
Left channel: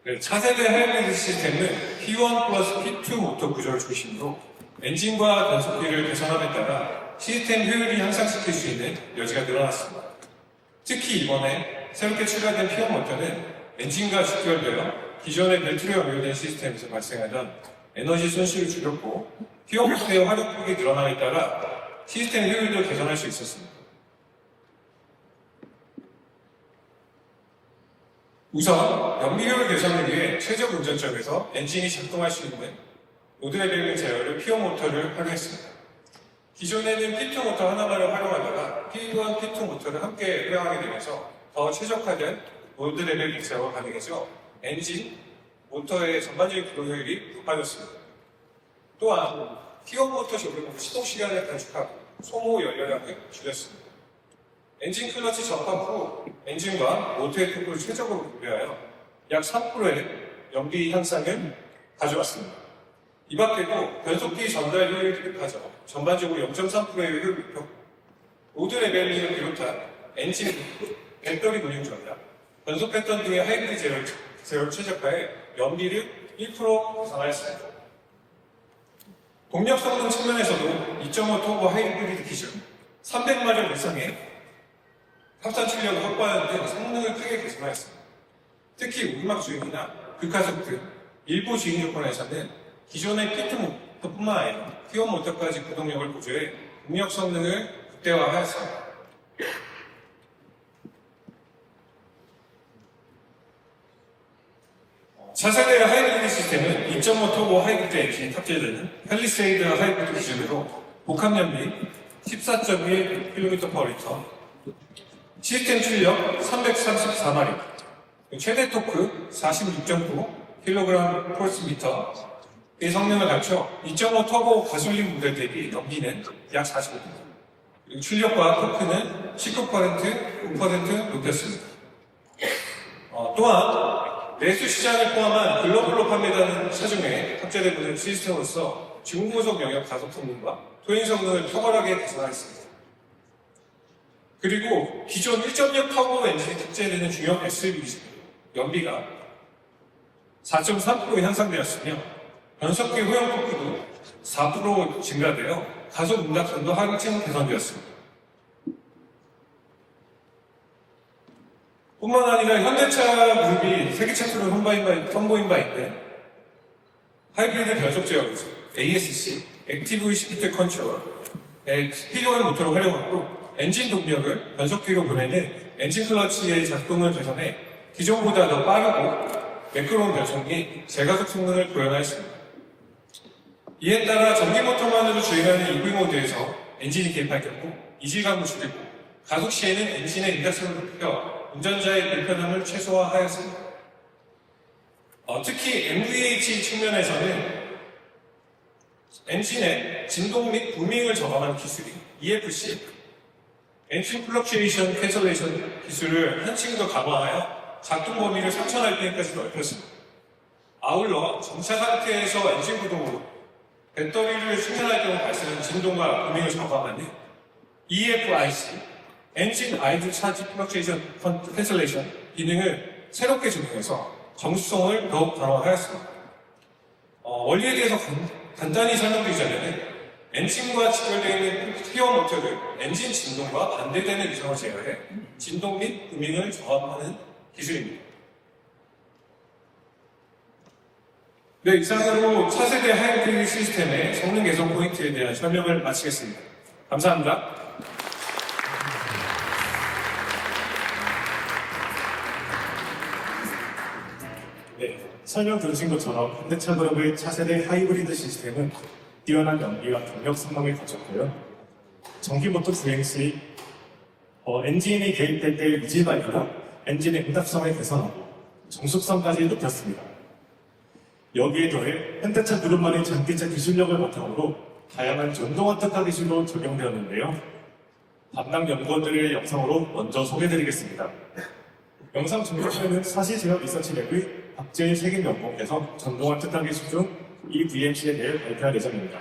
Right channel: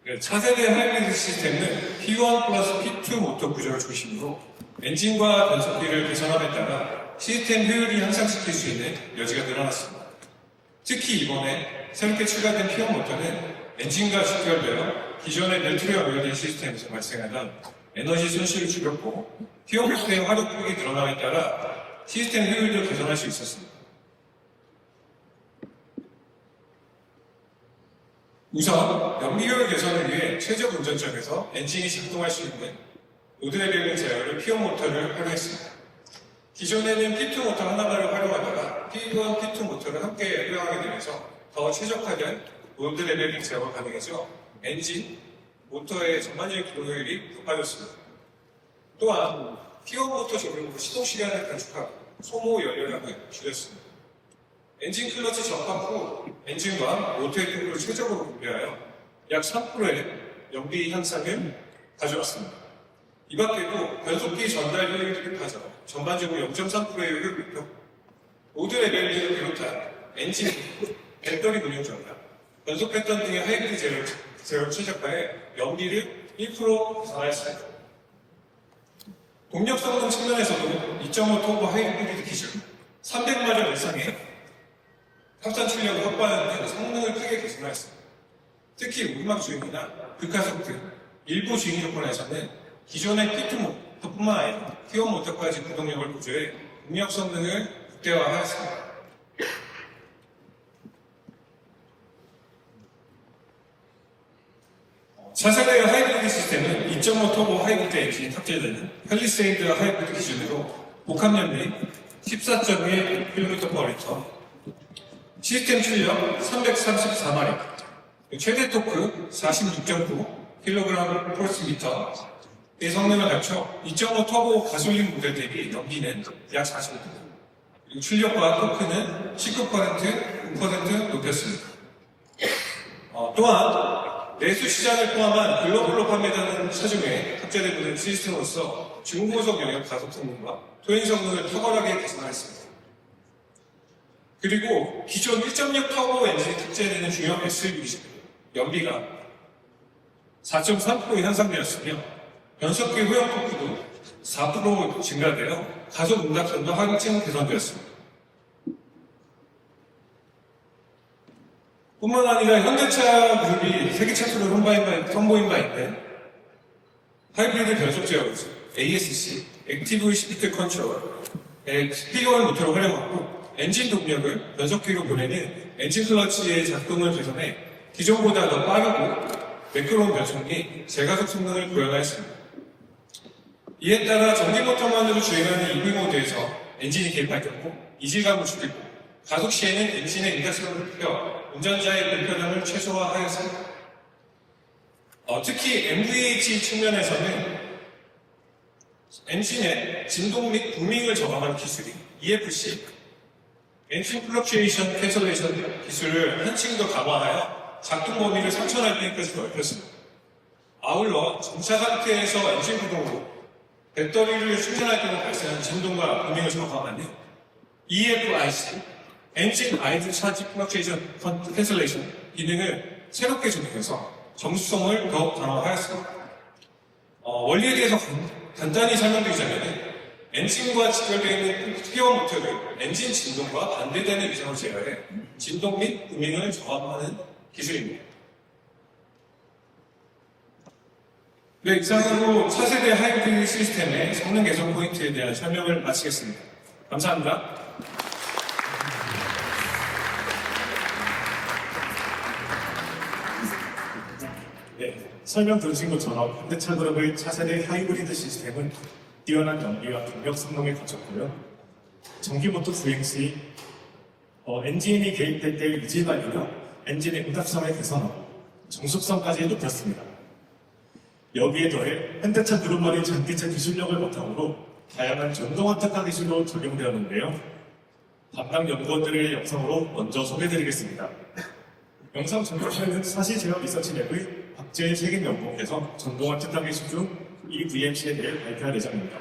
네, 차세대 하이브리드 시스템은 P1 플러스 P2 모터 구조를 중심으로 엔진과 변속기를 개선함에 따라 시스템 효율을 향상시킬 수 있는 여지가 늘어났습니다. 특히 이번에 새롭게 추가된 P1 모터는 엔진과 직결되어 기존의 벨트로 연결된 시스템에서 발생하는 에너지 손실을 줄였고 P1 모터의 활용폭이 늘어남에 따라 시스템 효율을 개선할 수 있었습니다. 우선 연비율 개선을 위해 최적 운전점에서 엔진이 작동할 수 있는 로드레벨링 제어를 P1 모터를 활용했습니다. 기존에는 P2 모터 하나만을 활용하다가 P1, P2 모터를 함께 활용하게 되면서 더 최적화된 로드레벨링 제어가 가능해져 엔진, 모터의 전반적인 기동 효율이 높아졌습니다. 또한 P1 모터 적용으로 시동 시간을 단축하고 소모 연료량을 줄였습니다. 엔진 클러치 접합 후 엔진과 모터의 통로를 최적으로 분배하여 약 3%의 연비 향상을 가져왔습니다. 이 밖에도 변속기 전달 효율을 높아져 전반적으로 0.3%의 효율을 높였고 로드 레벨링을 비롯한 엔진, 배터리 운용 전달, 변속 패턴 등의 하이브리드 제어를 최적화해 연비를 1% 보상하였습니다. 동력 성능 측면에서도 2.5 터보 하이브리드 기준 300마력 이상의 합산 출력을 확보하는 등 성능을 크게 개선하였습니다. 특히 우리막 주행이나 극하속 등 일부 주행 조건에서는 기존의 피트모터뿐만 아니라 퓨어 모터까지 구동력을 보조해 동력 성능을 극대화하였습니다. 차세대 하이브리드 시스템은 2.5 터보 하이브리드 엔진이 탑재되는 팰리세이드 하이브리드 기준으로 복합연비 14.1km/L, 시스템 출력 334마력, 최대 토크 46.9kg/m, 이 성능을 갖춰 2.5 터보 가솔린 모델 대비 연비는 약 40%, 그리고 출력과 토크는 19%, 5% 높였습니다. 또한 내수 시장을 포함한 글로벌로 판매되는 차 중에 탑재되는 시스템으로서 중고속 영역 가속 성능과 토행 성능을 탁월하게 개선하였습니다. 그리고 기존 1.6 터보 엔진이 탑재되는 중형 SUV 연비가 4.3% 향상되었으며 변속기 호영 토크도 4% 증가되어 가속 운락성도 하극증 개선되었습니다. 뿐만 아니라 현대차 그룹이 세계 최초로 선보인 바 있는 하이브리드 변속 제어 기술 ASC 액티브 스피드 컨트롤의 스피드원 모터로 활용하고 엔진 동력을 변속기로 보내는 엔진 클러치의 작동을 개선해 기존보다 더 빠르고 매끄러운 변속 및 제가속 성능을 보여하였습니다. 이에 따라 전기 모터만으로 주행하는 EV 모드에서 엔진이 개입할 경우 이질감을 줄이고 가속 시에는 엔진의 인덕션을 높여 운전자의 불편함을 최소화하였습니다. 특히 MVH 측면에서는 엔진의 진동 및 부밍을 저감하는 기술인 EFC, 엔진 플럭츄에이션 캔슬레이션 기술을 한층 더 강화하여 작동 범위를 3000rpm까지 넓혔습니다. 아울러 정차 상태에서 엔진 구동으로 배터리를 충전할 때 발생하는 진동과 부밍을 저감하는 EFIC, 엔진 아이드 차지 플럭츄에이션 캔슬레이션 기능을 새롭게 적용해서 정수성을 더욱 강화하였습니다. 원리에 대해서 간단히 설명드리기 전에는 엔진과 직결되어 있는 퓨어 모터를 엔진 진동과 반대되는 이상을 제어해 진동 및 부밍을 저감하는 기술입니다. 네, 이상으로 차세대 하이브리드 시스템의 성능 개선 포인트에 대한 설명을 마치겠습니다. 감사합니다. 네, 설명 들으신 것처럼 현대차 그룹의 차세대 하이브리드 시스템은 뛰어난 연비와 동력 성능을 갖췄고요. 전기모터 주행 시 엔진이 개입될 때의 유지 관리로 엔진의 응답성을 개선하고 정숙성까지 높였습니다. 여기에 더해 현대차 그룹만의 전기차 기술력을 바탕으로 다양한 전동화 특화 기술로 적용되었는데요. 담당 연구원들의 영상으로 먼저 소개해드리겠습니다. 영상 전개에는 사실지역 리서치랩의 박재일 책임연구원께서 전동화 특화 기술 중 EVMC에 대해 발표할 예정입니다.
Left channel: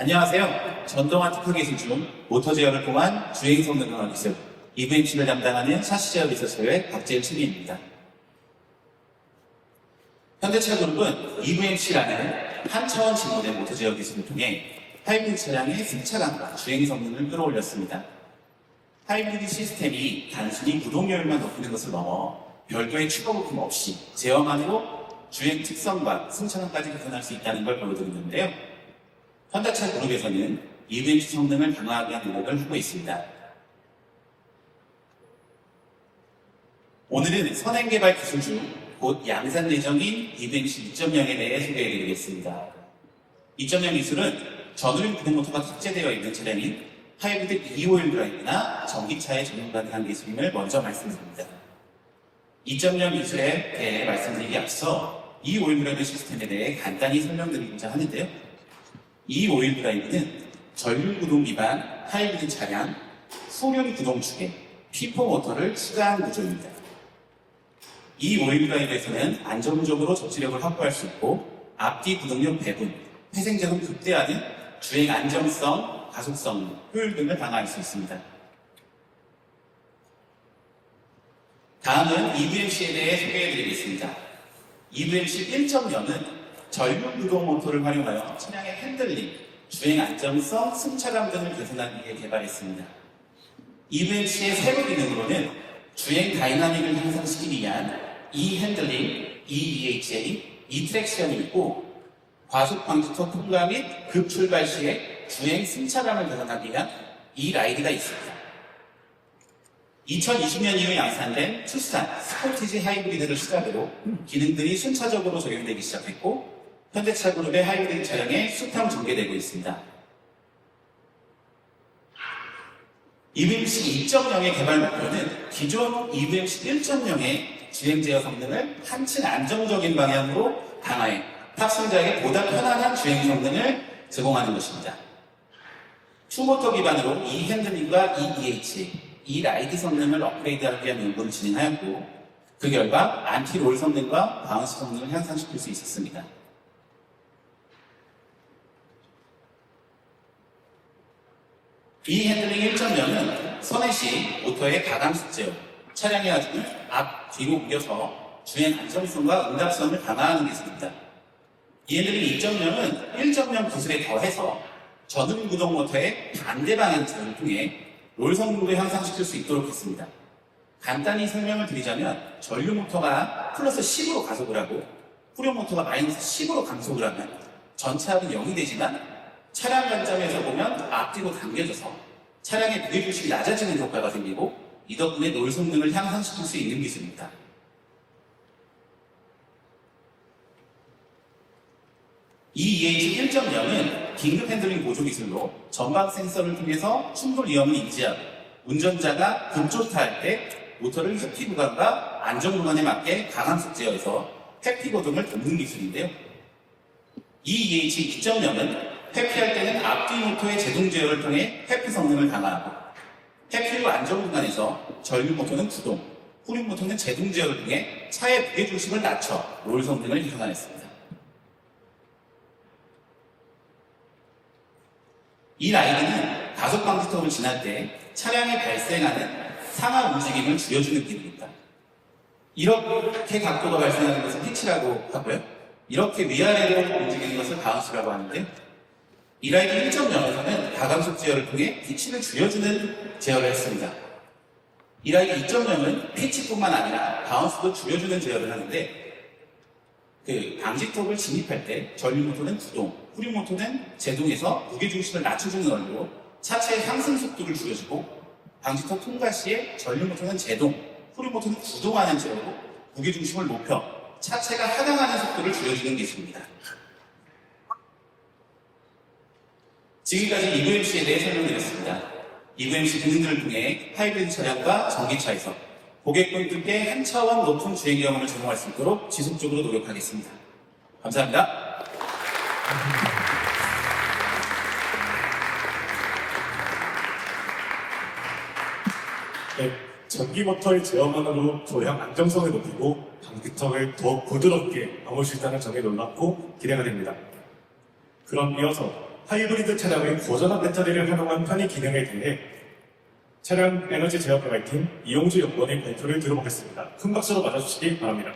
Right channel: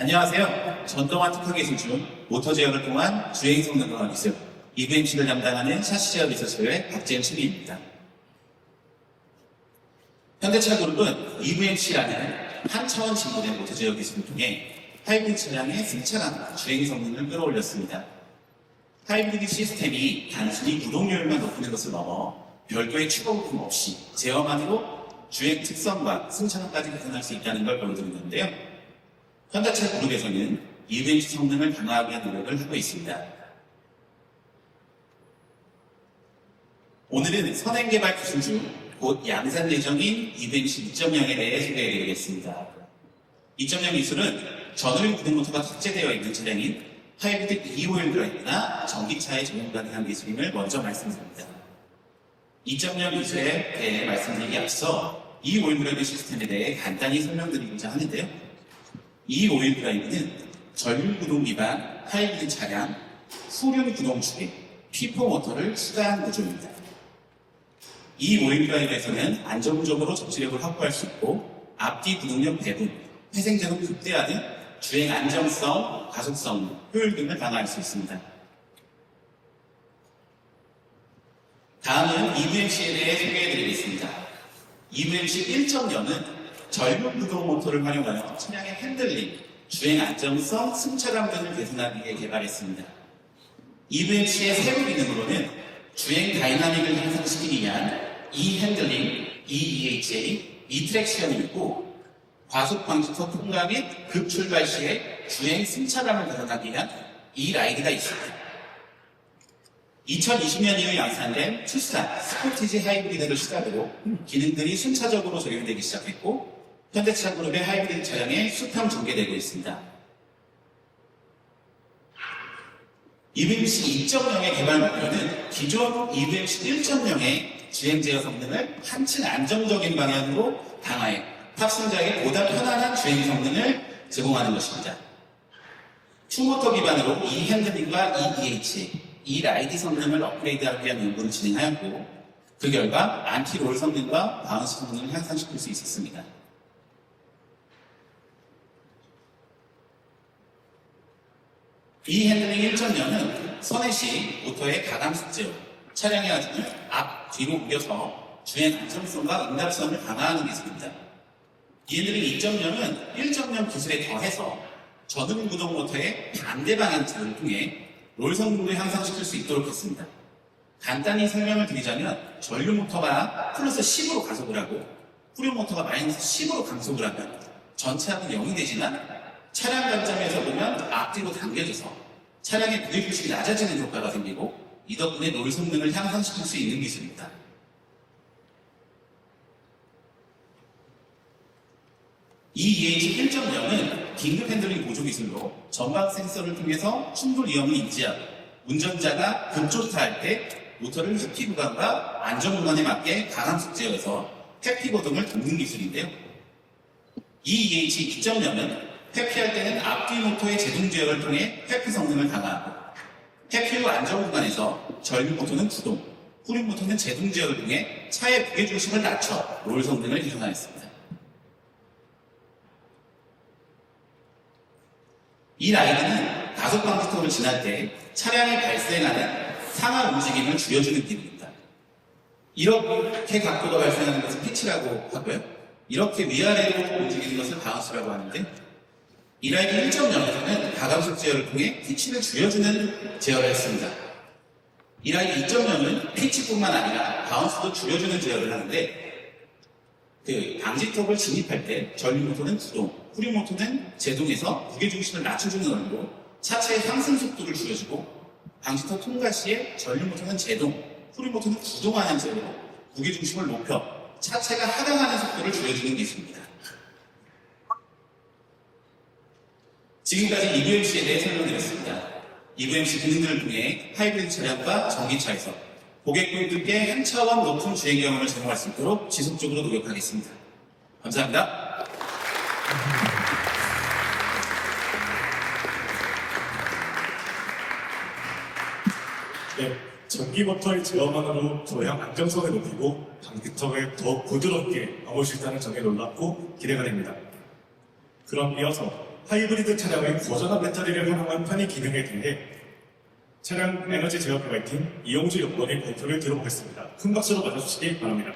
안녕하세요. 전동화 특화 기술 중 모터 제어를 통한 주행 성능 강화 기술 EVMC를 담당하는 샤시 제어 리서치의 박재일 팀입니다. 현대차 그룹은 EVMC라는 한 차원 진보된 모터 제어 기술을 통해 하이브리드 차량의 승차감과 주행 성능을 끌어올렸습니다. 하이브리드 시스템이 단순히 구동률만 높이는 것을 넘어 별도의 추가 부품 없이 제어만으로 주행 특성과 승차감까지 개선할 수 있다는 걸 보여드리는데요. 현대차 그룹에서는 EVMC 성능을 강화하기 위한 노력을 하고 있습니다. 오늘은 선행개발 기술 중 곧 양산 예정인 EVMC 2.0에 대해 소개해드리겠습니다. 2.0 기술은 전후륜 구동모터가 탑재되어 있는 차량인 하이브리드 2호일 드라이브나 전기차에 적용 가능한 기술임을 먼저 말씀드립니다. 2.0 기술에 대해 말씀드리기 앞서 2호일 드라이브 시스템에 대해 간단히 설명드리고자 하는데요. 2호일 드라이브는 전륜 구동 기반 하이브리드 차량, 후륜 구동축에 P4 모터를 추가한 구조입니다. 이 오일 드라이브에서는 안정적으로 접지력을 확보할 수 있고 앞뒤 구동력 배분, 회생적으로 극대화는 주행 안정성, 가속성, 효율 등을 강화할 수 있습니다. 다음은 EVMC에 대해 소개해드리겠습니다. EVMC 1.0은 전륜 구동 모터를 활용하여 차량의 핸들링, 주행 안정성, 승차감 등을 개선하기 위해 개발했습니다. EVMC의 세부 기능으로는 주행 다이나믹을 향상시키기 위한 E-핸들링, E-EHA, E-트랙션이 있고 과속 방지턱 통과 및 급출발 시에 주행 승차감을 개선하기 위한 E-라이드가 있습니다. 2020년 이후 양산된 투싼 스포티지 하이브리드를 시작으로 기능들이 순차적으로 적용되기 시작했고 현대차 그룹의 하이브리드 차량에 수평 전개되고 있습니다. EVMC 2.0의 개발 목표는 기존 EVMC 1.0의 주행 제어 성능을 한층 안정적인 방향으로 강화해 탑승자에게 보다 편안한 주행 성능을 제공하는 것입니다. 투모터 기반으로 E-핸들링과 E-EH, E-라이드 성능을 업그레이드하기 위한 연구를 진행하였고 그 결과 안티롤 성능과 바운스 성능을 향상시킬 수 있었습니다. E-핸들링 1.0은 선회 시 모터의 가감속 제어, 차량의 하중을 앞, 뒤로 옮겨서 주행 안정성과 응답성을 강화하는 기술입니다. E-핸들링 2.0은 1.0 기술에 더해서 전륜 구동 모터의 반대 방향 제어를 통해 롤 성능을 향상시킬 수 있도록 했습니다. 간단히 설명을 드리자면 전륜 모터가 플러스 10으로 가속을 하고 후륜 모터가 마이너스 10으로 감속을 하면 전체 합은 0이 되지만 차량 관점에서 보면 앞뒤로 당겨져서 차량의 무게중심이 낮아지는 효과가 생기고 이 덕분에 롤 성능을 향상시킬 수 있는 기술입니다. E-EH 1.0은 긴급 핸들링 보조 기술로 전방 센서를 통해서 충돌 위험을 인지하고 운전자가 급조타할 때 모터를 회피 구간과 안전 구간에 맞게 가감속 제어해서 회피 고동을 돕는 기술인데요. E-EH 2.0은 회피할 때는 앞뒤 모터의 제동 제어를 통해 회피 성능을 강화하고 회피 후 안전 구간에서 전륜 모터는 구동, 후륜 모터는 제동 제어를 통해 차의 무게 중심을 낮춰 롤 성능을 개선하였습니다. 이 라이드는 가속 방지턱을 지날 때 차량이 발생하는 상하 움직임을 줄여주는 기능입니다. 이렇게 각도가 발생하는 것을 피치라고 하고요. 이렇게 위아래로 움직이는 것을 바운스라고 하는데 이 라이드 1.0에서는 가감속 제어를 통해 피치를 줄여주는 제어를 했습니다. 이 라이드 2.0은 피치뿐만 아니라 바운스도 줄여주는 제어를 하는데 방지턱을 진입할 때 전륜 모터는 구동, 후륜 모터는 제동에서 무게중심을 낮춰주는 원리로 차체의 상승 속도를 줄여주고 방지턱 통과 시에 전륜 모터는 제동, 후륜 모터는 구동하는 제어로 무게중심을 높여 차체가 하강하는 속도를 줄여주는 기술입니다. 지금까지 EVMC에 대해 설명드렸습니다. EVMC 기능들을 통해 하이브리드 차량과 전기차에서 고객분들께 한 차원 높은 주행 경험을 제공할 수 있도록 지속적으로 노력하겠습니다. 감사합니다. 네, 전기 모터의 제어만으로 조향 안정성을 높이고 방지턱을 더 부드럽게 막을 수 있다는 점에 놀랍고 기대가 됩니다. 그럼 이어서 하이브리드 차량의 고전압 배터리를 활용한 편의 기능에 대해 차량 에너지 제어 개발팀 이용주 연구원의 발표를 들어보겠습니다. 큰 박수로 맞아주시기 바랍니다.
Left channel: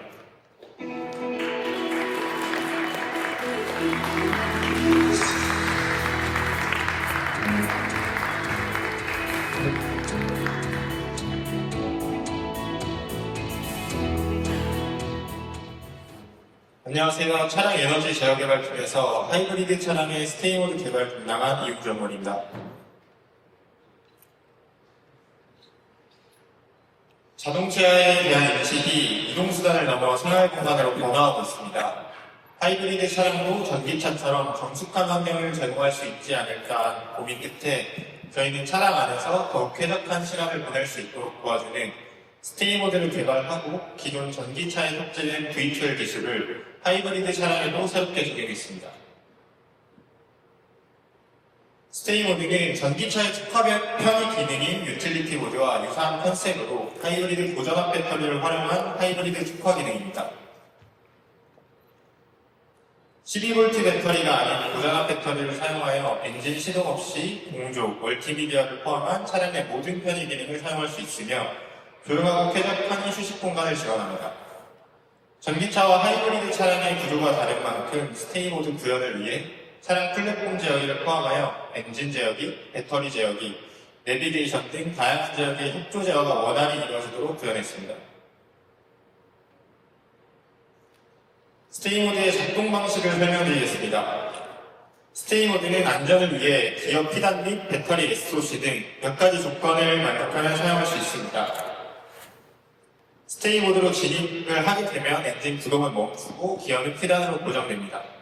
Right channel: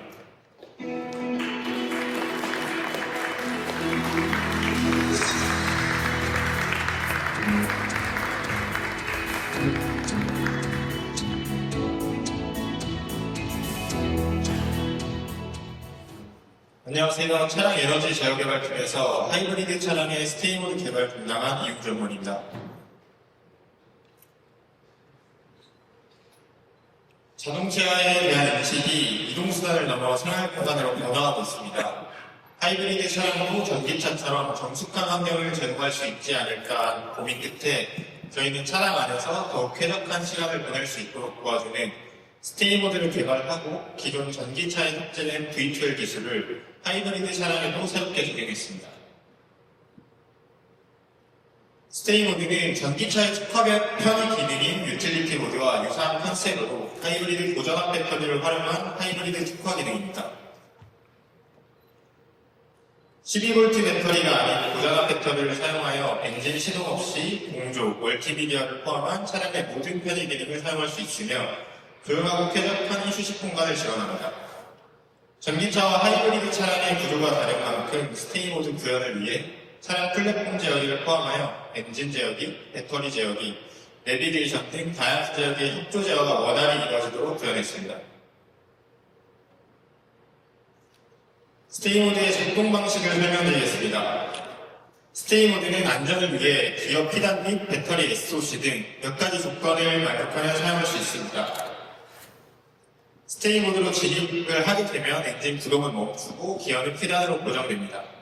안녕하세요. 차량 에너지 제어 개발팀에서 하이브리드 차량의 스테이모드 개발 담당한 이용주 연구원입니다. 자동차에 대한 인식이 이동수단을 넘어 생활공간으로 변화하고 있습니다. 하이브리드 차량도 전기차처럼 정숙한 환경을 제공할 수 있지 않을까 고민 끝에 저희는 차량 안에서 더 쾌적한 시간을 보낼 수 있도록 도와주는 스테이 모드를 개발하고 기존 전기차에 탑재된 V12 기술을 하이브리드 차량에도 새롭게 적용했습니다. 스테이 모드는 전기차의 특화된 편의 기능인 유틸리티 모드와 유사한 컨셉으로 하이브리드 고전압 배터리를 활용한 하이브리드 특화 기능입니다. 12V 배터리가 아닌 고전압 배터리를 사용하여 엔진 시동 없이 공조, 멀티미디어를 포함한 차량의 모든 편의 기능을 사용할 수 있으며 조용하고 쾌적한 휴식 공간을 지원합니다. 전기차와 하이브리드 차량의 구조가 다른 만큼 스테이 모드 구현을 위해 차량 플랫폼 제어기를 포함하여 엔진 제어기, 배터리 제어기, 내비게이션 등 다양한 제어기의 협조 제어가 원활히 이루어지도록 구현했습니다. 스테이 모드의 작동 방식을 설명드리겠습니다. 스테이 모드는 안전을 위해 기어 피단 및 배터리 SOC 등 몇 가지 조건을 만족하면 사용할 수 있습니다. 스테이 모드로 진입을 하게 되면 엔진 구동은 멈추고 기어는 피단으로 고정됩니다.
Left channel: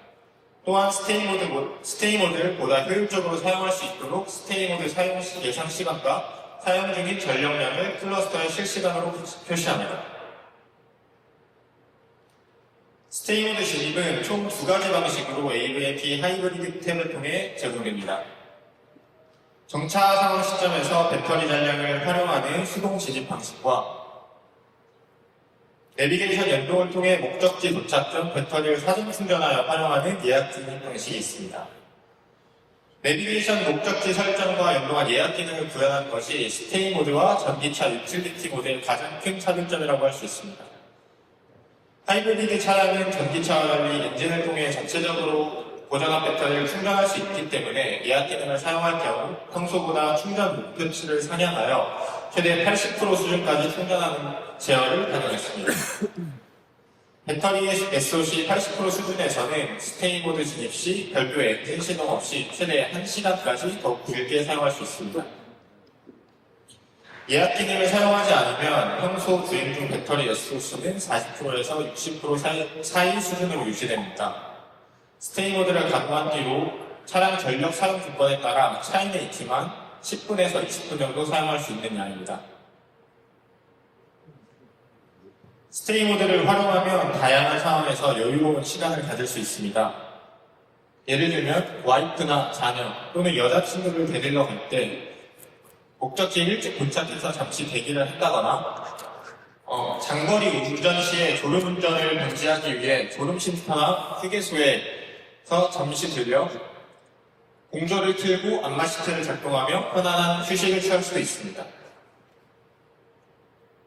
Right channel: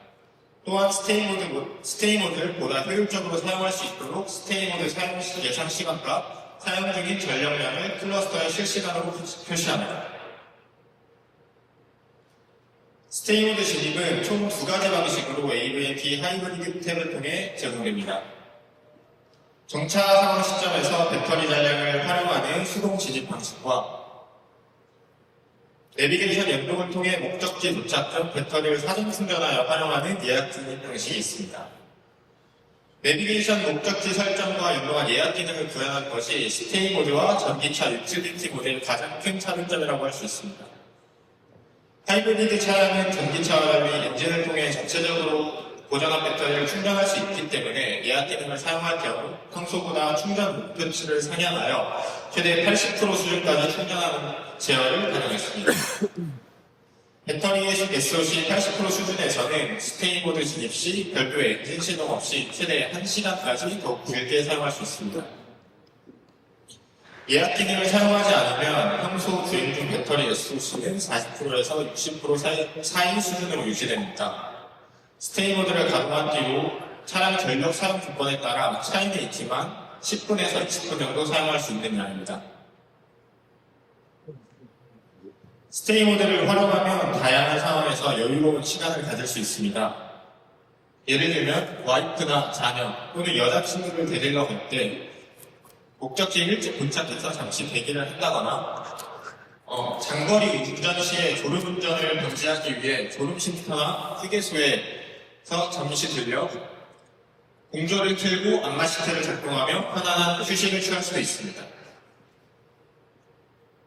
또한 스테이 모드를 보다 효율적으로 사용할 수 있도록 스테이 모드 사용 예상 시간과 사용 중인 전력량을 클러스터에 실시간으로 표시합니다. 스테이 모드 진입은 총 2가지 방식으로 AVMP 하이브리드 탭을 통해 제공됩니다. 정차 사용 시점에서 배터리 잔량을 활용하는 수동 진입 방식과 내비게이션 연동을 통해 목적지 도착 전 배터리를 사전 충전하여 활용하는 예약 진입 방식이 있습니다. 내비게이션 목적지 설정과 연동한 예약 기능을 구현한 것이 스테이 모드와 전기차 유틸리티 모드의 가장 큰 차별점이라고 할 수 있습니다. 하이브리드 차량은 전기차와 달리 엔진을 통해 전체적으로 고전압 배터리를 충전할 수 있기 때문에 예약 기능을 사용할 경우 평소보다 충전 목표치를 상향하여 최대 80% 수준까지 충전하는 제어를 가능했습니다. 배터리의 SOC 80% 수준에서는 스테이 모드 진입 시 별도 엔진 시동 없이 최대 1시간까지 더 길게 사용할 수 있습니다. 예약 기능을 사용하지 않으면 평소 주행 중 배터리 SOC는 40%에서 60% 사이 수준으로 유지됩니다. 스테이 모드를 가동한 뒤로 차량 전력 사용 조건에 따라 차이는 있지만 10분에서 20분 정도 사용할 수 있는 양입니다. 스테이 모드를 활용하면 다양한 상황에서 여유로운 시간을 가질 수 있습니다. 예를 들면 와이프나 자녀 또는 여자친구를 데리러 갈 때 목적지에 일찍 도착해서 잠시 대기를 한다거나 장거리 운전 시에 졸음운전을 방지하기 위해 졸음 쉼터나 휴게소에서 잠시 들려 공조를 틀고 안마 시트를 작동하며 편안한 휴식을 취할 수도 있습니다.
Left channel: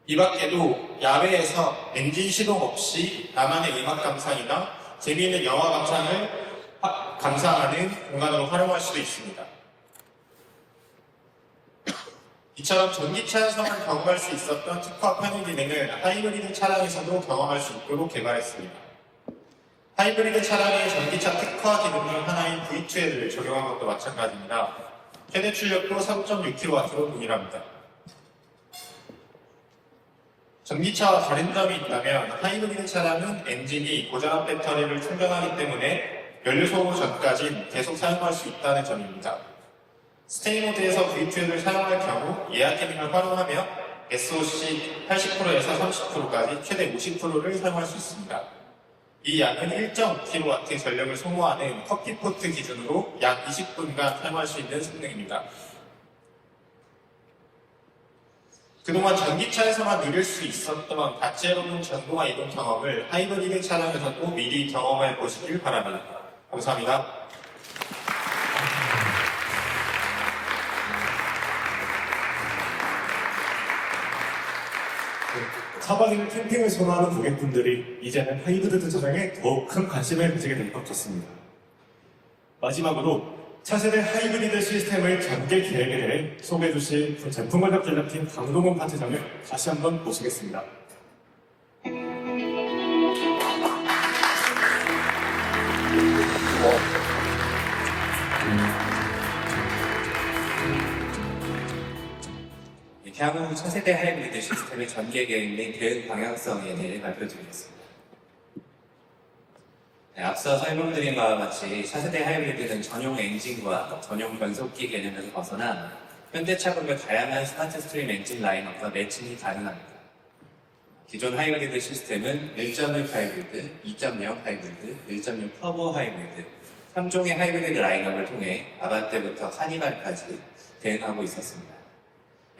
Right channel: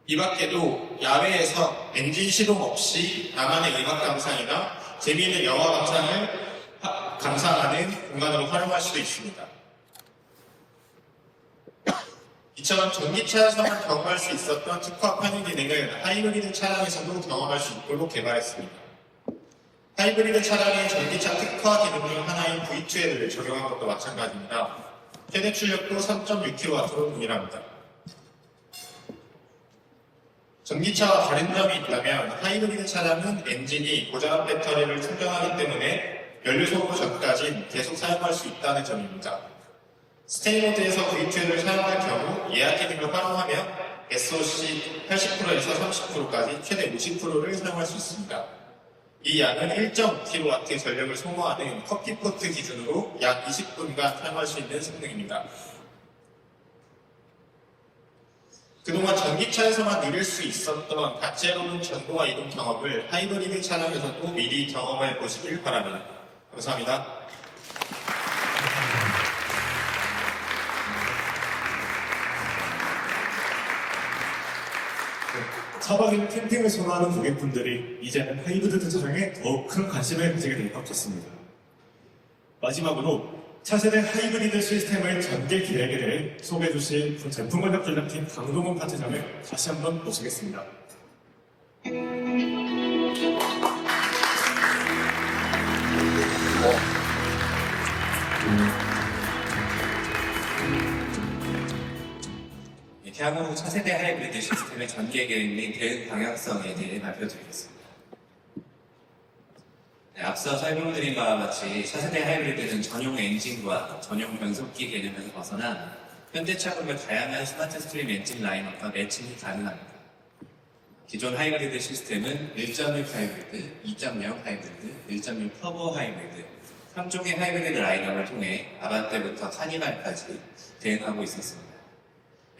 이 밖에도 야외에서 엔진 시동 없이 나만의 음악 감상이나 재미있는 영화 감상하는 공간으로 활용할 수도 있습니다. 이처럼 전기차에서만 경험할 수 있었던 특화 편의 기능을 하이브리드 차량에서도 경험할 수 있도록 개발했습니다. 하이브리드 차량의 전기차 특화 기능 중 하나인 V12를 적용한 것도 마찬가지입니다. 최대 출력도 3.6kW로 동일합니다. 전기차와 다른 점이 있다면 하이브리드 차량은 엔진이 고전압 배터리를 충전하기 때문에 연료 소모 전까지 계속 사용할 수 있다는 점입니다. 스테이 모드에서 V12를 사용할 경우 예약 기능을 활용하며 SOC 80%에서 30%까지 최대 50%를 사용할 수 있습니다. 이 양은 1.5kW 전력을 소모하는 커피포트 기준으로 약 20분간 사용할 수 있는 성능입니다. 그동안 전기차에서만 누릴 수 있었던 다채로운 전동화 이동 경험을 하이브리드 차량에서도 미리 경험해 보시길 바랍니다. 감사합니다. 차박이나 캠핑을 선호하는 고객분들이 이제는 하이브리드 차량에 더욱 큰 관심을 가지게 될 것 같습니다. 마지막으로 차세대 하이브리드 시스템의 전개 기획에 대해 소개해 주실 제품관련 전략팀 강동훈 파트장을 다시 한번 모시겠습니다. 향후 차세대 하이브리드 시스템의 전개 계획 및 대응 방향성에 대해 발표드리겠습니다. 네, 앞서 설명드린 바와 같이 차세대 하이브리드는 전용 엔진과 전용 변속기 개념에서 벗어나 현대차급의 다양한 스마트 스트림 엔진 라인업과 매칭이 가능합니다. 기존 하이브리드 시스템은 1.1 하이브리드, 2.0 하이브리드, 1.6 터보 하이브리드 3종의 하이브리드 라인업을 통해 아반떼부터 카니발까지 대응하고 있었습니다.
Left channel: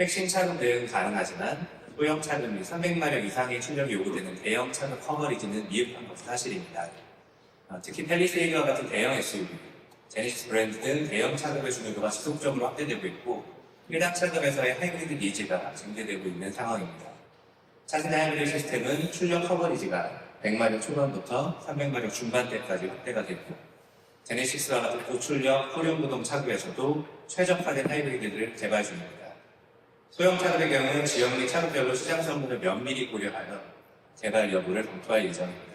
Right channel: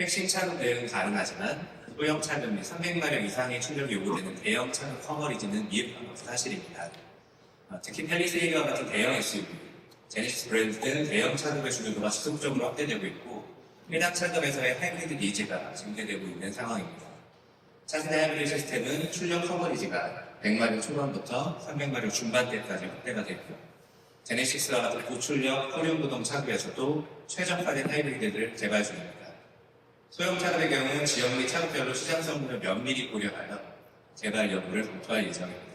핵심 차급 대응은 가능하지만 소형 차급 및 300마력 이상의 출력이 요구되는 대형 차급 커버리지는 미흡한 것은 사실입니다. 특히 팰리세이드와 같은 대형 SUV, 제네시스 브랜드 등 대형 차급의 주요도가 지속적으로 확대되고 있고 해당 차급에서의 하이브리드 니즈가 증대되고 있는 상황입니다. 차세대 하이브리드 시스템은 출력 커버리지가 100마력 초반부터 300마력 중반대까지 확대가 됐고 제네시스와 같은 고출력 호륜구동 차급에서도 최적화된 하이브리드를 개발 중입니다. 소형 차급의 경우는 지역 및 차급별로 시장 성능을 면밀히 고려하여 개발 여부를 검토할 예정입니다.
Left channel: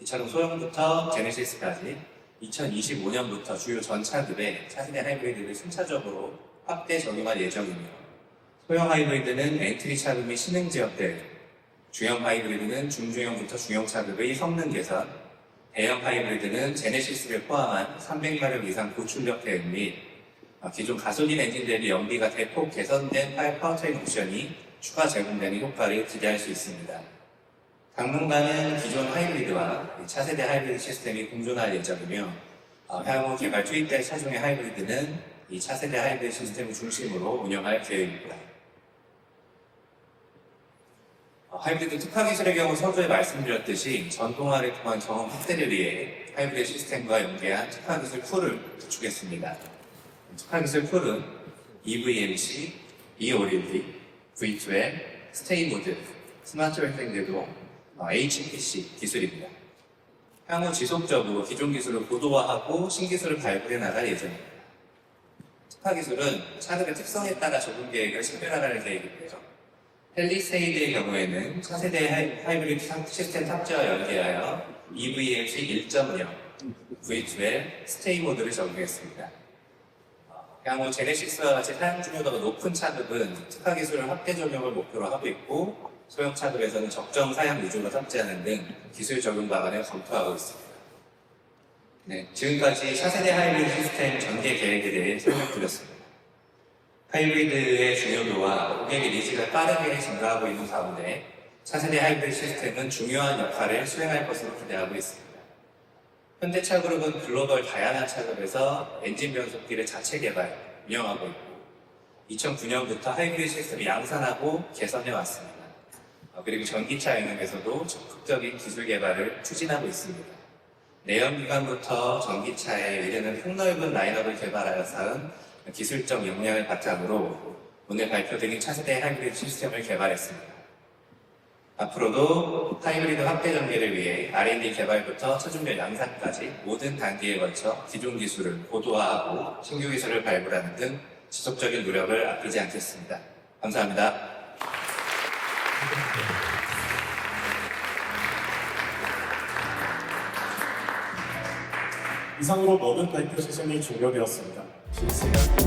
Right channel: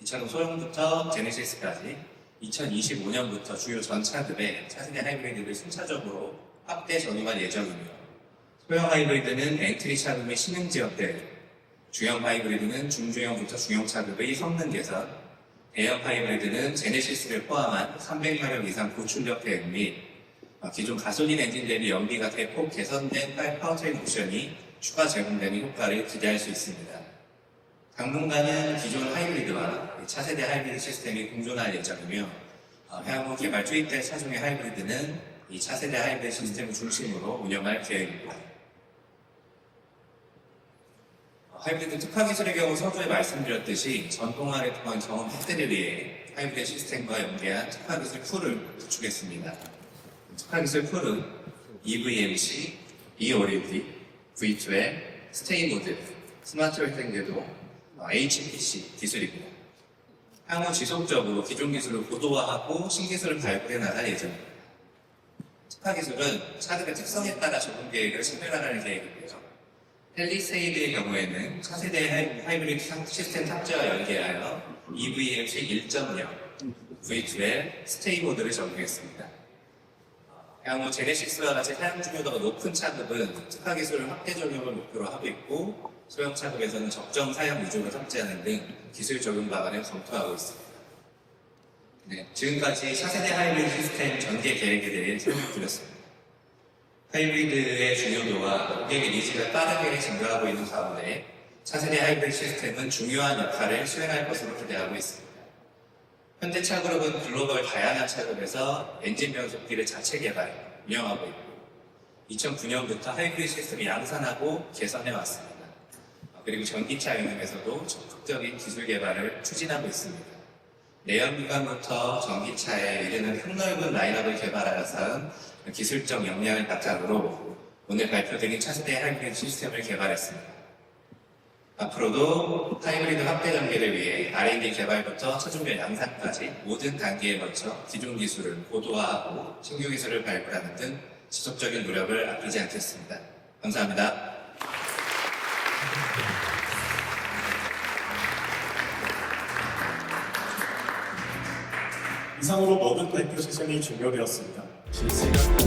이처럼 소형부터 제네시스까지 2025년부터 주요 전 차급의 차세대 하이브리드를 순차적으로 확대 적용할 예정이며 소형 하이브리드는 엔트리 차급 및 신흥 지역 대응, 중형 하이브리드는 중중형부터 중형 차급의 성능 개선, 대형 하이브리드는 제네시스를 포함한 300마력 이상 고출력 대응 및 기존 가솔린 엔진 대비 연비가 대폭 개선된 파워트레인 옵션이 추가 제공되는 효과를 기대할 수 있습니다. 당분간은 기존 하이브리드와 차세대 하이브리드 시스템이 공존할 예정이며 향후 개발 투입될 차종의 하이브리드는 이 차세대 하이브리드 시스템을 중심으로 운영할 계획입니다. 하이브리드 특화 기술의 경우 서두에 말씀드렸듯이 전동화를 통한 경험 확대를 위해 하이브리드 시스템과 연계한 특화 기술 풀을 구축했습니다. 특화 기술 풀은 EVMC, eOLED, V2L, 스테이 모드, 스마트 웨딩 궤도, HPC 기술입니다. 향후 지속적으로 기존 기술을 고도화하고 신기술을 발굴해 나갈 예정입니다. 특화 기술은 차량의 특성에 따라 적용 계획을 식별하라는 계획인데요. 팰리세이드의 경우에는 차세대 하이브리드 시스템 탑재와 연계하여 EVMC 1.0, V2L, 스테이 모드를 적용했습니다. 향후 제네시스와 같이 사용 중요도가 높은 차급은 특화 기술 확대 적용을 목표로 하고 있고 소형 차급에서는 적정 사양 위주로 탑재하는 등 기술 적용 방안을 검토하고 있습니다. 네, 지금까지 차세대 하이브리드 시스템 전개 계획에 대해 설명드렸습니다. 하이브리드의 중요도와 고객의 니즈가 빠르게 증가하고 있는 가운데 차세대 하이브리드 시스템은 중요한 역할을 수행할 것으로 기대하고 있습니다. 현대차그룹은 글로벌 다양한 차급에서 엔진 변속기를 자체 개발, 운영하고 있고 2009년부터 하이브리드 시스템을 양산하고 개선해 왔습니다. 그리고 전기차 영역에서도 적극적인 기술 개발을 추진하고 있습니다. 내연기관부터 전기차에 이르는 폭넓은 라인업을 개발하여 쌓은 기술적 역량을 바탕으로 오늘 발표된 차세대 하이브리드 시스템을 개발했습니다. 앞으로도 하이브리드 확대 연계를 위해 R&D 개발부터 최종적 양산까지 모든 단계에 걸쳐 기존 기술을 고도화하고 신규 기술을 발굴하는 등 지속적인 노력을 아끼지 않겠습니다. 감사합니다. 이상으로 모든 발표 시즌이 종료되었습니다. 실습.